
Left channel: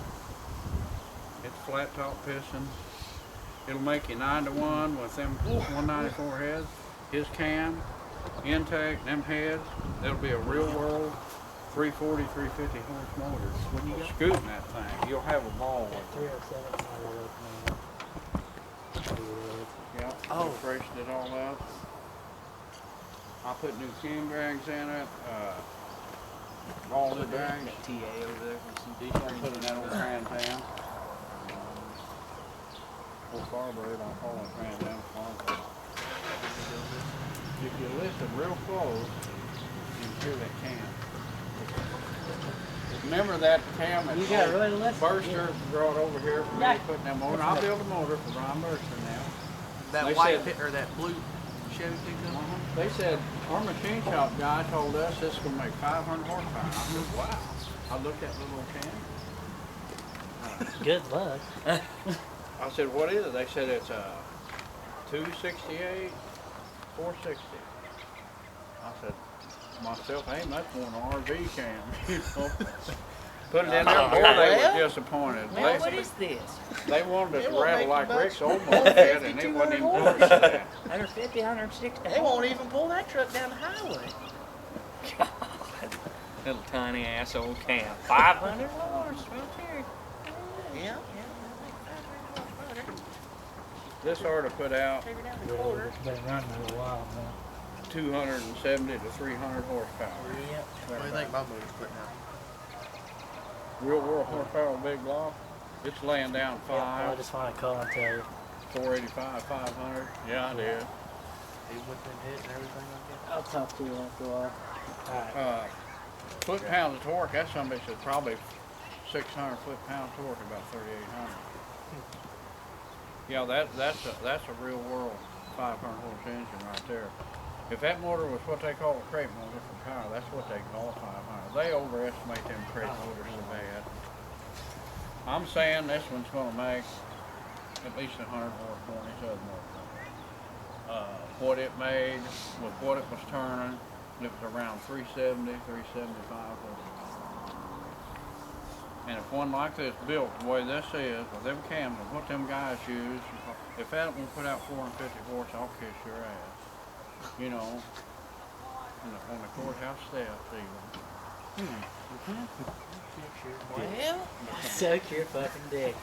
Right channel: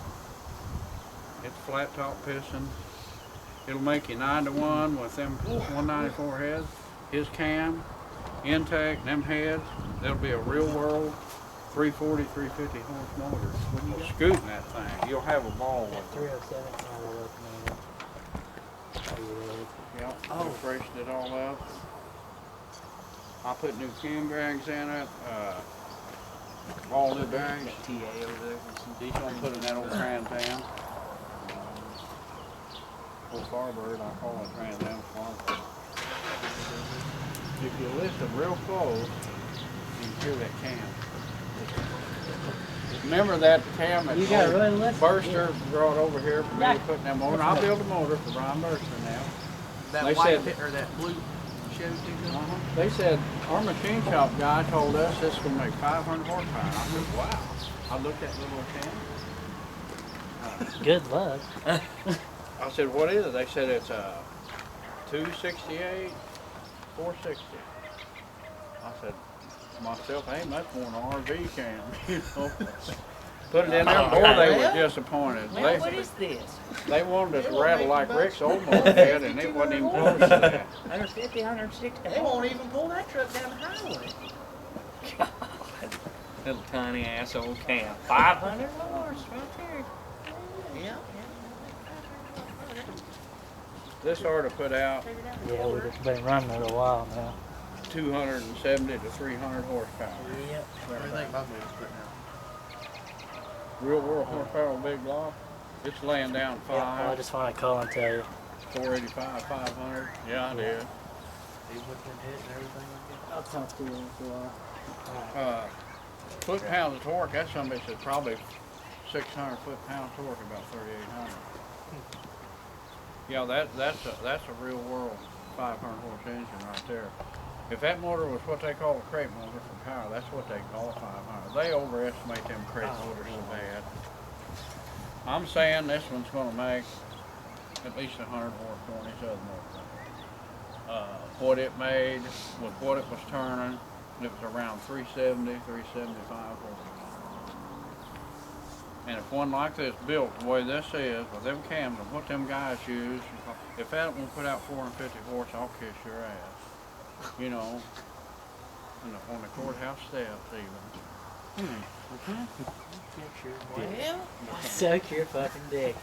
It's flat top pistons. It'll make you 9-to-1 with them 194 heads. His cam, intake, them heads. That'll be a real world 340, 350 horse motor. When you scooting that thing, you'll have a ball with it. 307. Yep. Oh, freshened it all up. I put new cam bearings in it. All new bearings. TA over there. He's gonna put in that old Trans Am. Old Farbird, I call it Trans Am Farbird. If you listen real close, you can hear that cam. Remember that cam that You got really left. Burster brought over here for me Yeah. to put in that motor? I'll build a motor for Brian Burster now. That They white said- or that blue Chevy pickup. They said, our machine shop guy told us this is gonna make 500 horsepower. I said, wow. I looked at the little cam. Good luck. I said, what is it? They said it's a 268, 460. I said, myself, ain't much more than an RV cam, you know. Put it in there, boy, they were disappointed. Well, what is this? They wanted us It to won't rattle make like you Rick's much. old moped, and it wasn't even close to that. 150, 160. They won't even pull that truck down the highway. Little tiny ass old cam. 500 horse right there. Yeah. This ought to put out Yeah, we've been running it a while now. 270 to 300 horsepower. Yep. What do you think my motor's putting out? Real world horsepower big block. It's laying down Well, I 5, just want to call and tell you. 485, 500. Yeah, I did. Even with them hits and everything like I'll talk to you after a while. Alright. Foot-pounds of torque, that somebody said probably 600 foot-pound torque, about 3,800. Yeah, that's a real world 500 horse engine right there. If that motor was what they call a crate motor for power, that's what they call 500. They overestimate them crate motors so bad. I'm saying this one's gonna make at least 100 horse more than these other motors. What it made with what it was turning, it was around 370, 375 horsepower. And if one like this built the way this is, with them cams and what them guys use, if that one put out 450 horse, I'll kiss your ass. You know, on the courthouse steps even. Well, Suck your fucking dick.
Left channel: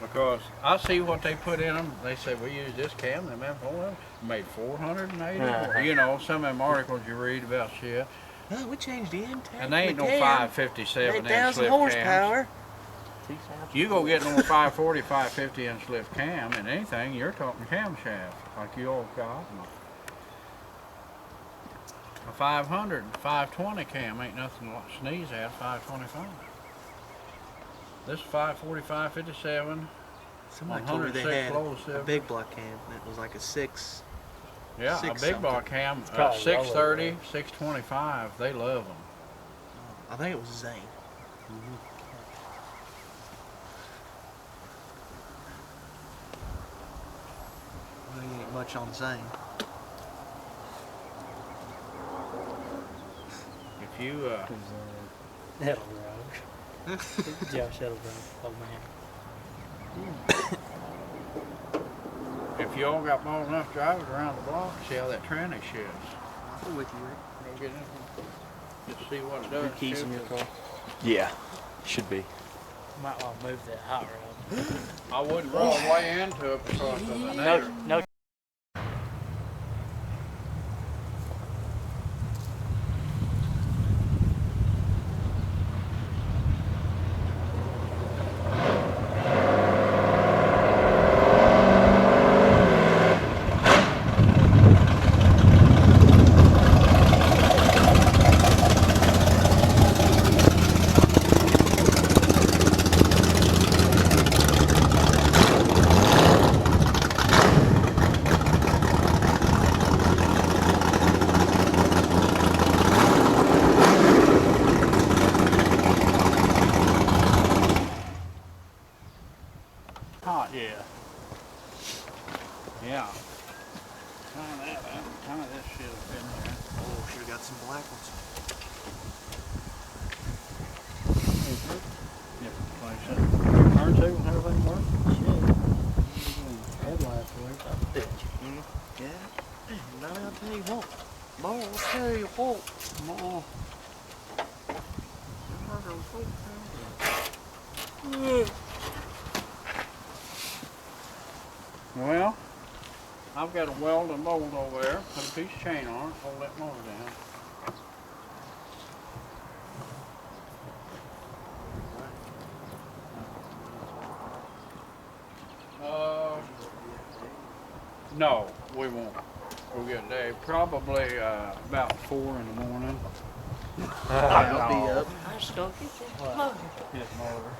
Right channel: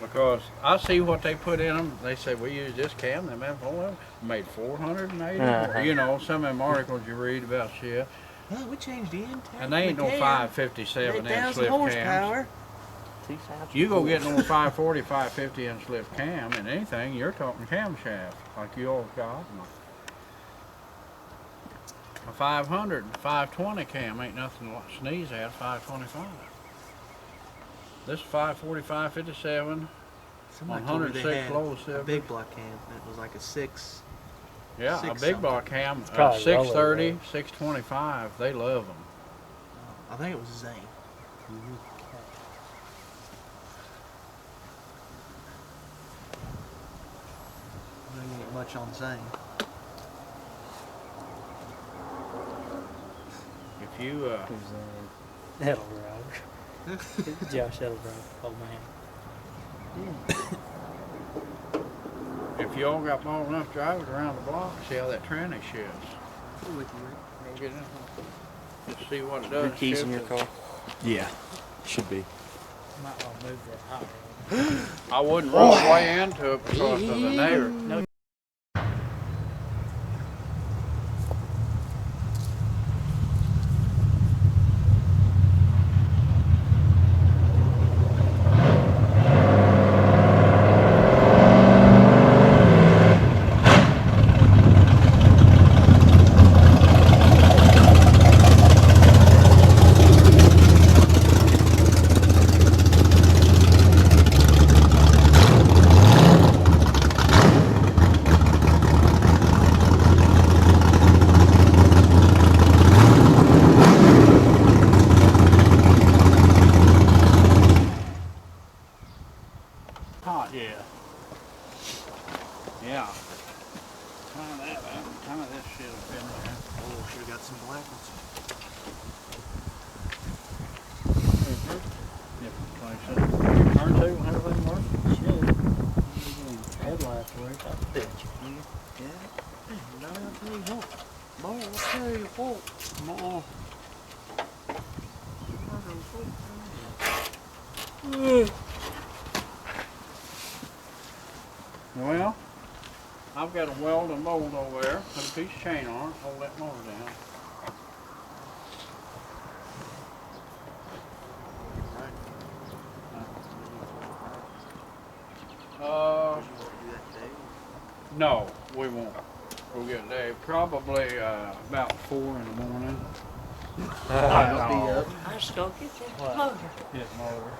Because I see what they put in them. They say we use this cam. Them F1 made 480. You know, some of them articles you read about shit. that. We changed the intake. And they ain't no 557 inch 8,000 lift cams. horsepower. You go get no 540, 550 inch lift cam and anything, you're talking camshaft like you all got. A 500, 520 cam ain't nothing to sneeze at. 525. This 540, 557. Somebody told me they 106 had low a silver. big block cam. And it was like a 6. Yeah, a Six big something. block cam, probably 630, lower, 625. They love them. I think it was Zane. There ain't much on Zane. If you Who's Edelbrock? Josh Edelbrock, old man. if you all got more enough drivers around the block, see how that tranny shifts. I'm with you, Rick. Go get in there. Just see what it does. Your keys in your Shift it. car. Yeah, should be. Might want to move that hot rod. I wouldn't roll way into it because of the neighbor. No. Hot, yeah. Yeah. Kind of that, kind of this shit up in there. Oh, should have got some black ones. Different places. Your turntable and everything work? Should. Headlights work. I bet you. Yeah. No, I'll tell you what. Boy, I'll tell you what. More. Well, I've got a weld and mold over there. Put a piece of chain on it, hold that motor down. No, we won't. We'll get Dave probably about 4 in the morning. I'll be up. I just go get that What? motor. His motor.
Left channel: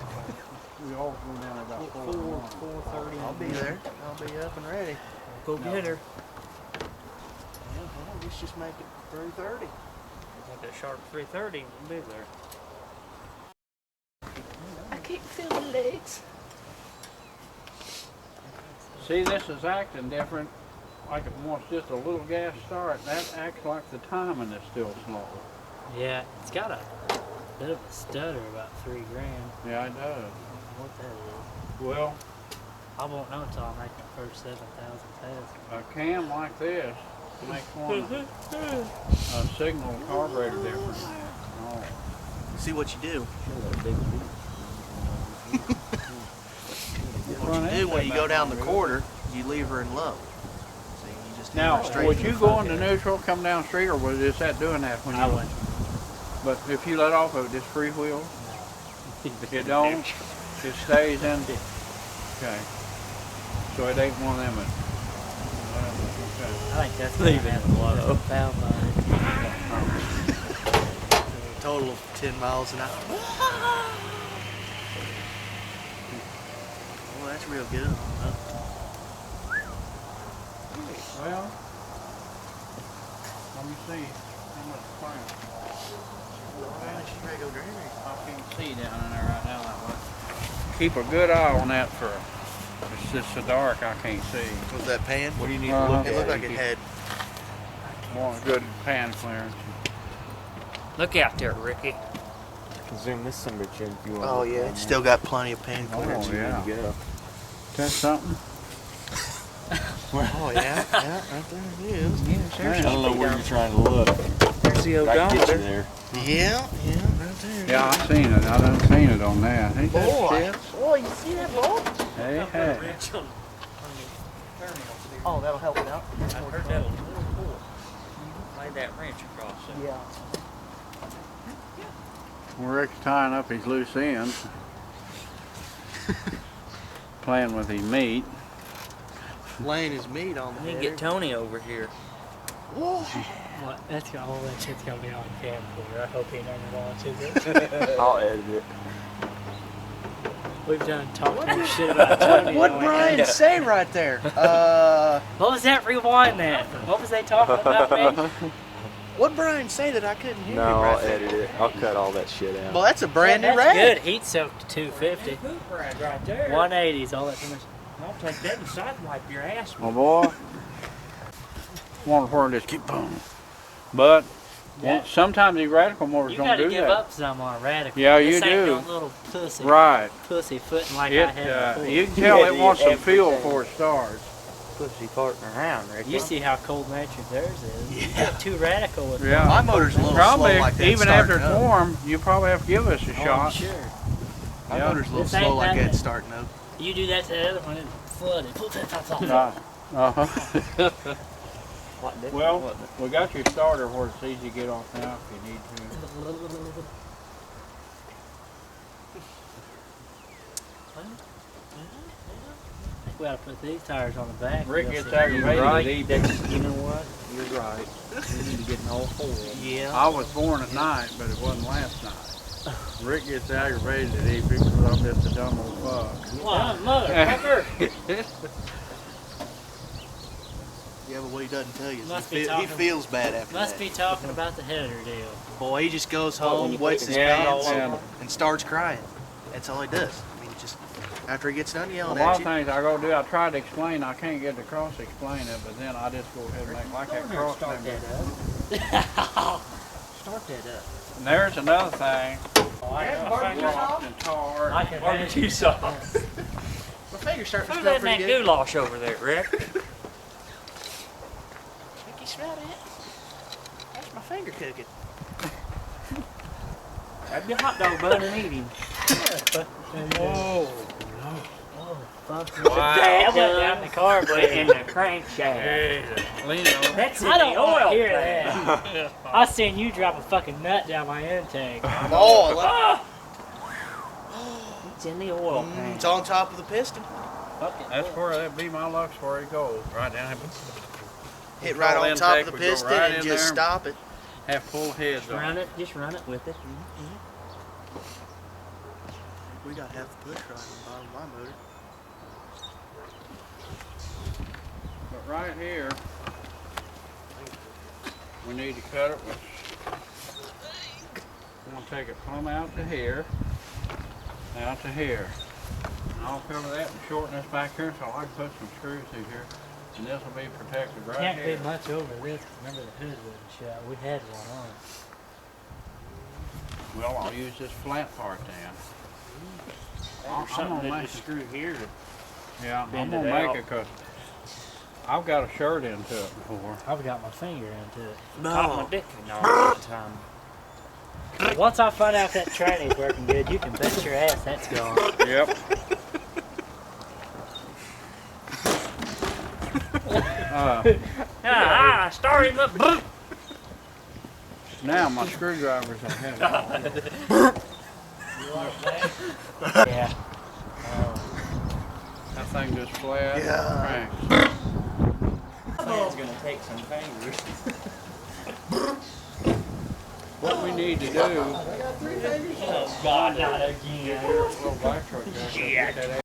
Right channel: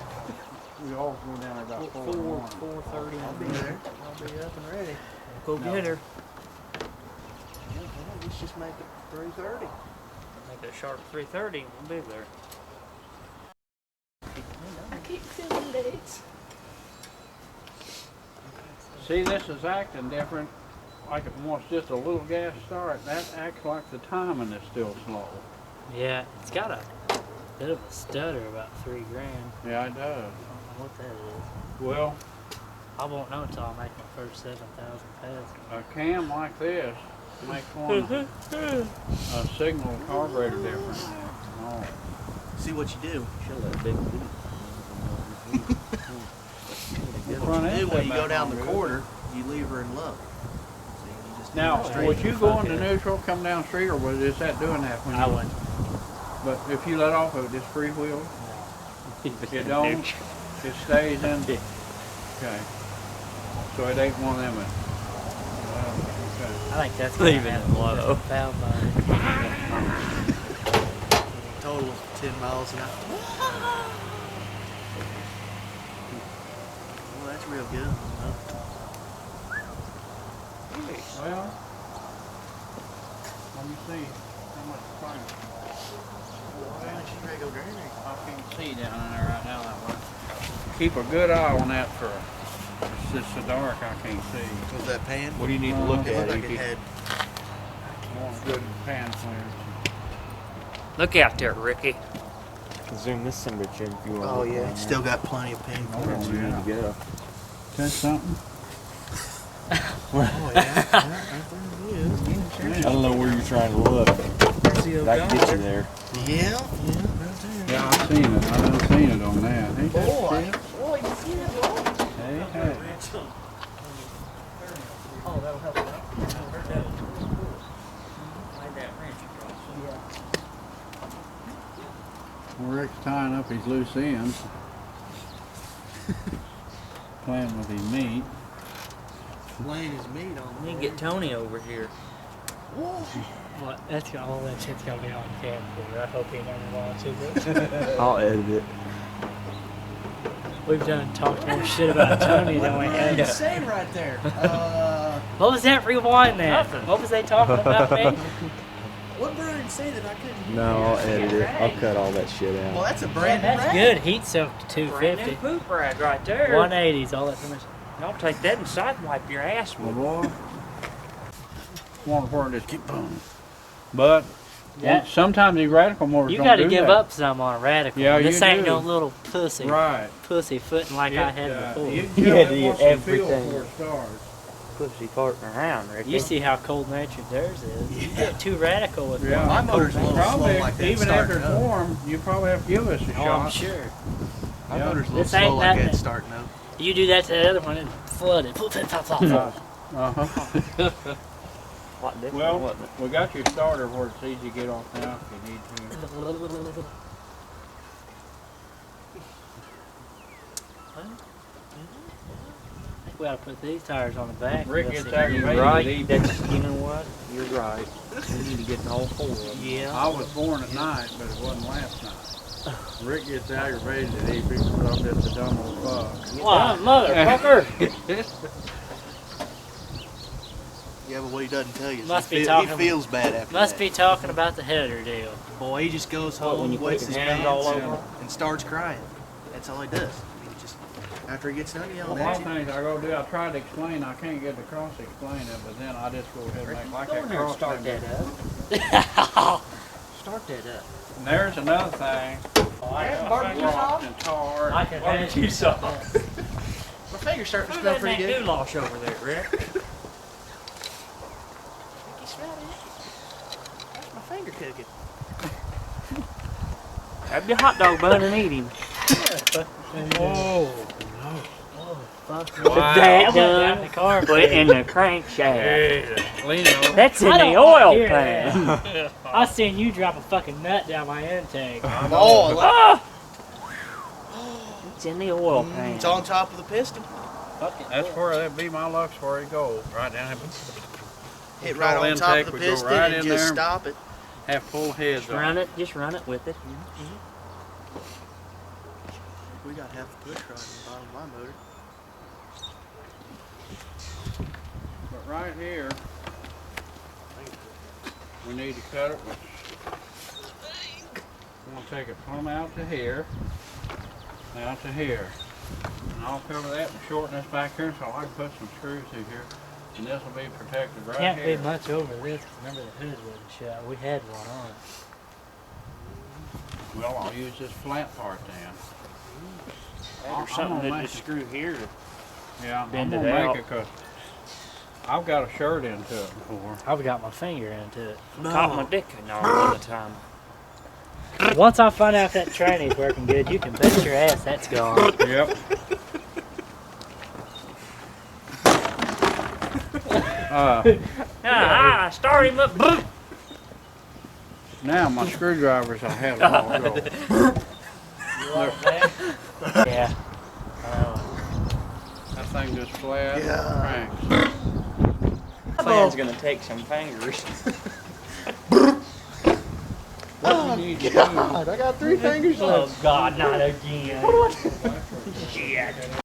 We all go down about 4 in the morning. 4:30. I'll be there. I'll be up and ready. Go get her. Yeah, well, let's just make it 3:30. Make it sharp 3:30 and we'll be there. I can't feel the legs. See, this is acting different. Like it wants just a little gas start. That acts like the timing is still slow. Yeah, it's got a bit of a stutter, about $3 grand. Yeah, it does. I don't know what that is. Well, I won't know until I make my first 7,000 passes. a cam like this makes one a signal carburetor different. Oh. See what you do. Show that big boot. What you do when you go down the quarter, you leave her in low. See, you just leave Now, her straight would to you the go fuck into end. neutral, come down street, or was is that doing that when you? I wouldn't. But if you let off of it, just freewheel. It don't. It stays in. Okay. So it ain't one of them. Well, okay. I think that's Leave gonna it happen low. with the foul body. Total of 10 miles an hour. Well, that's real good. Well, let me see how much fire. She's ready to go drain her. I can't see down in there right now that way. Keep a good eye on that for. It's just so dark I can't see. Was that pan? What do you need to Uh-huh. look It at? looked like it had. Want a good pan clearance. Look out there, Ricky. Zoom this son of a chin if you want. Oh yeah, still got plenty of pan clearance. Oh, You yeah. need to go. Catch something? Oh yeah, right there it is. I don't know where you're trying to look. There's the I can get you there. Yeah, right there. Yeah, I've seen it. I done seen it on that. Ain't that Boy, shit? boy, you see that boy? Hey, hey. Oh, that'll help it out. Lay that wrench across it. Yeah. Rick's tying up his loose ends. Playing with his meat. Laying his meat on We the need to get Tony over here. Whoa. What? That's gonna, all that shit's gonna be on camcorder. I hope he never watches it. I'll edit it. We've done talked more shit about Tony What than we Brian had. say right there? What was that? Rewind that. What was they talking about, me? What Brian say that I couldn't hear? No, you I'll right there? edit it. I'll cut all that shit Well, out. that's a brand new That's rag. good. Heat soaked to 250. Poop rag right there. 180's all that permission. I'll take that and side wipe your ass My with. boy. Wonder where it just keep booming. But Yeah. sometimes these radical motors You don't gotta do give that. up some on a radical. Yeah, this you ain't do. no little pussy Right. footing like I had before. You can tell Yeah, it wants some fuel everything. before it starts. Pussy farting around, Ricky. You see how cold natured theirs is. You get too radical with Yeah. My motor's a little Probably, slow like that. even after starting it's up. warm, you probably have to give us a Oh, I'm shot. sure. My Yeah. motor's a little This ain't slow like nothing. that starting up. You do that to the other one, it flooded. Uh-huh. What different, Well, wasn't it? we got your starter where it's easy to get off now if you need to. We ought to put these tires on the back. Rick We'll gets see. You're aggravated. right. He- That's, you know what? You're right. We need to get an all four of them. Yeah. I was born at night, but it wasn't last night. Rick gets aggravated that he picks up just a dumb old fuck. Wow, motherfucker. Yeah, but what he doesn't tell you is Must he, be he talking- feels bad after Must that. be talking about the header deal. Boy, he just goes What, when home, you wets put his your hand all pants, over? and starts crying. That's all he does. I mean, just after he gets done A yelling lot at of you. things I go do, I try to explain, I can't get across to explain it, but then I just go ahead and make like that cross. Start thing. that up. Start that up. And there's another thing. I Rocked and tar. I can Barbecue sauce. My finger's starting to Who's smell letting pretty that good. goulash over there, Rick? Think you smell it? That's my finger cooking. Grab your hot dog bun and eat him. Whoa. Fuck Wow. that down the car. Put it in the crankshaft. Lino. That's in I the don't wanna oil hear pan. that. I seen you drop a fucking nut down my intake. Oh, Ah! It's in the oil pan. it's on top of the piston. That's where that'd be my luck's where it goes, right down here. hit Control right on top intake of the would go piston right and in just there. stop it. Have full heads Just on. run it. Just run it with it. We got half the push rod in the bottom of my motor. But right here, we need to cut it with. I'm gonna take it plumb out to here, out to here. And I'll cover that and shorten this back here so I can put some screws through here. And this will be protected right Can't here. be much over this. Remember the hood wasn't shut. We had one on. Well, I'll use this flat part then. Or something that just screw here to Yeah, bend I'm it gonna out. make it because I've got a shirt into it before. I've got my finger into it. caught my dick and all the time. Once I find out that tranny's working good, you can bet your ass that's gone. Yep. Start him up. Now my screwdrivers will have it all go. Yeah. That thing just flat Yeah. cranks. Thing's gonna take some fingers. What we need to do. I got 3 fingers left. Oh God, not again. Shit.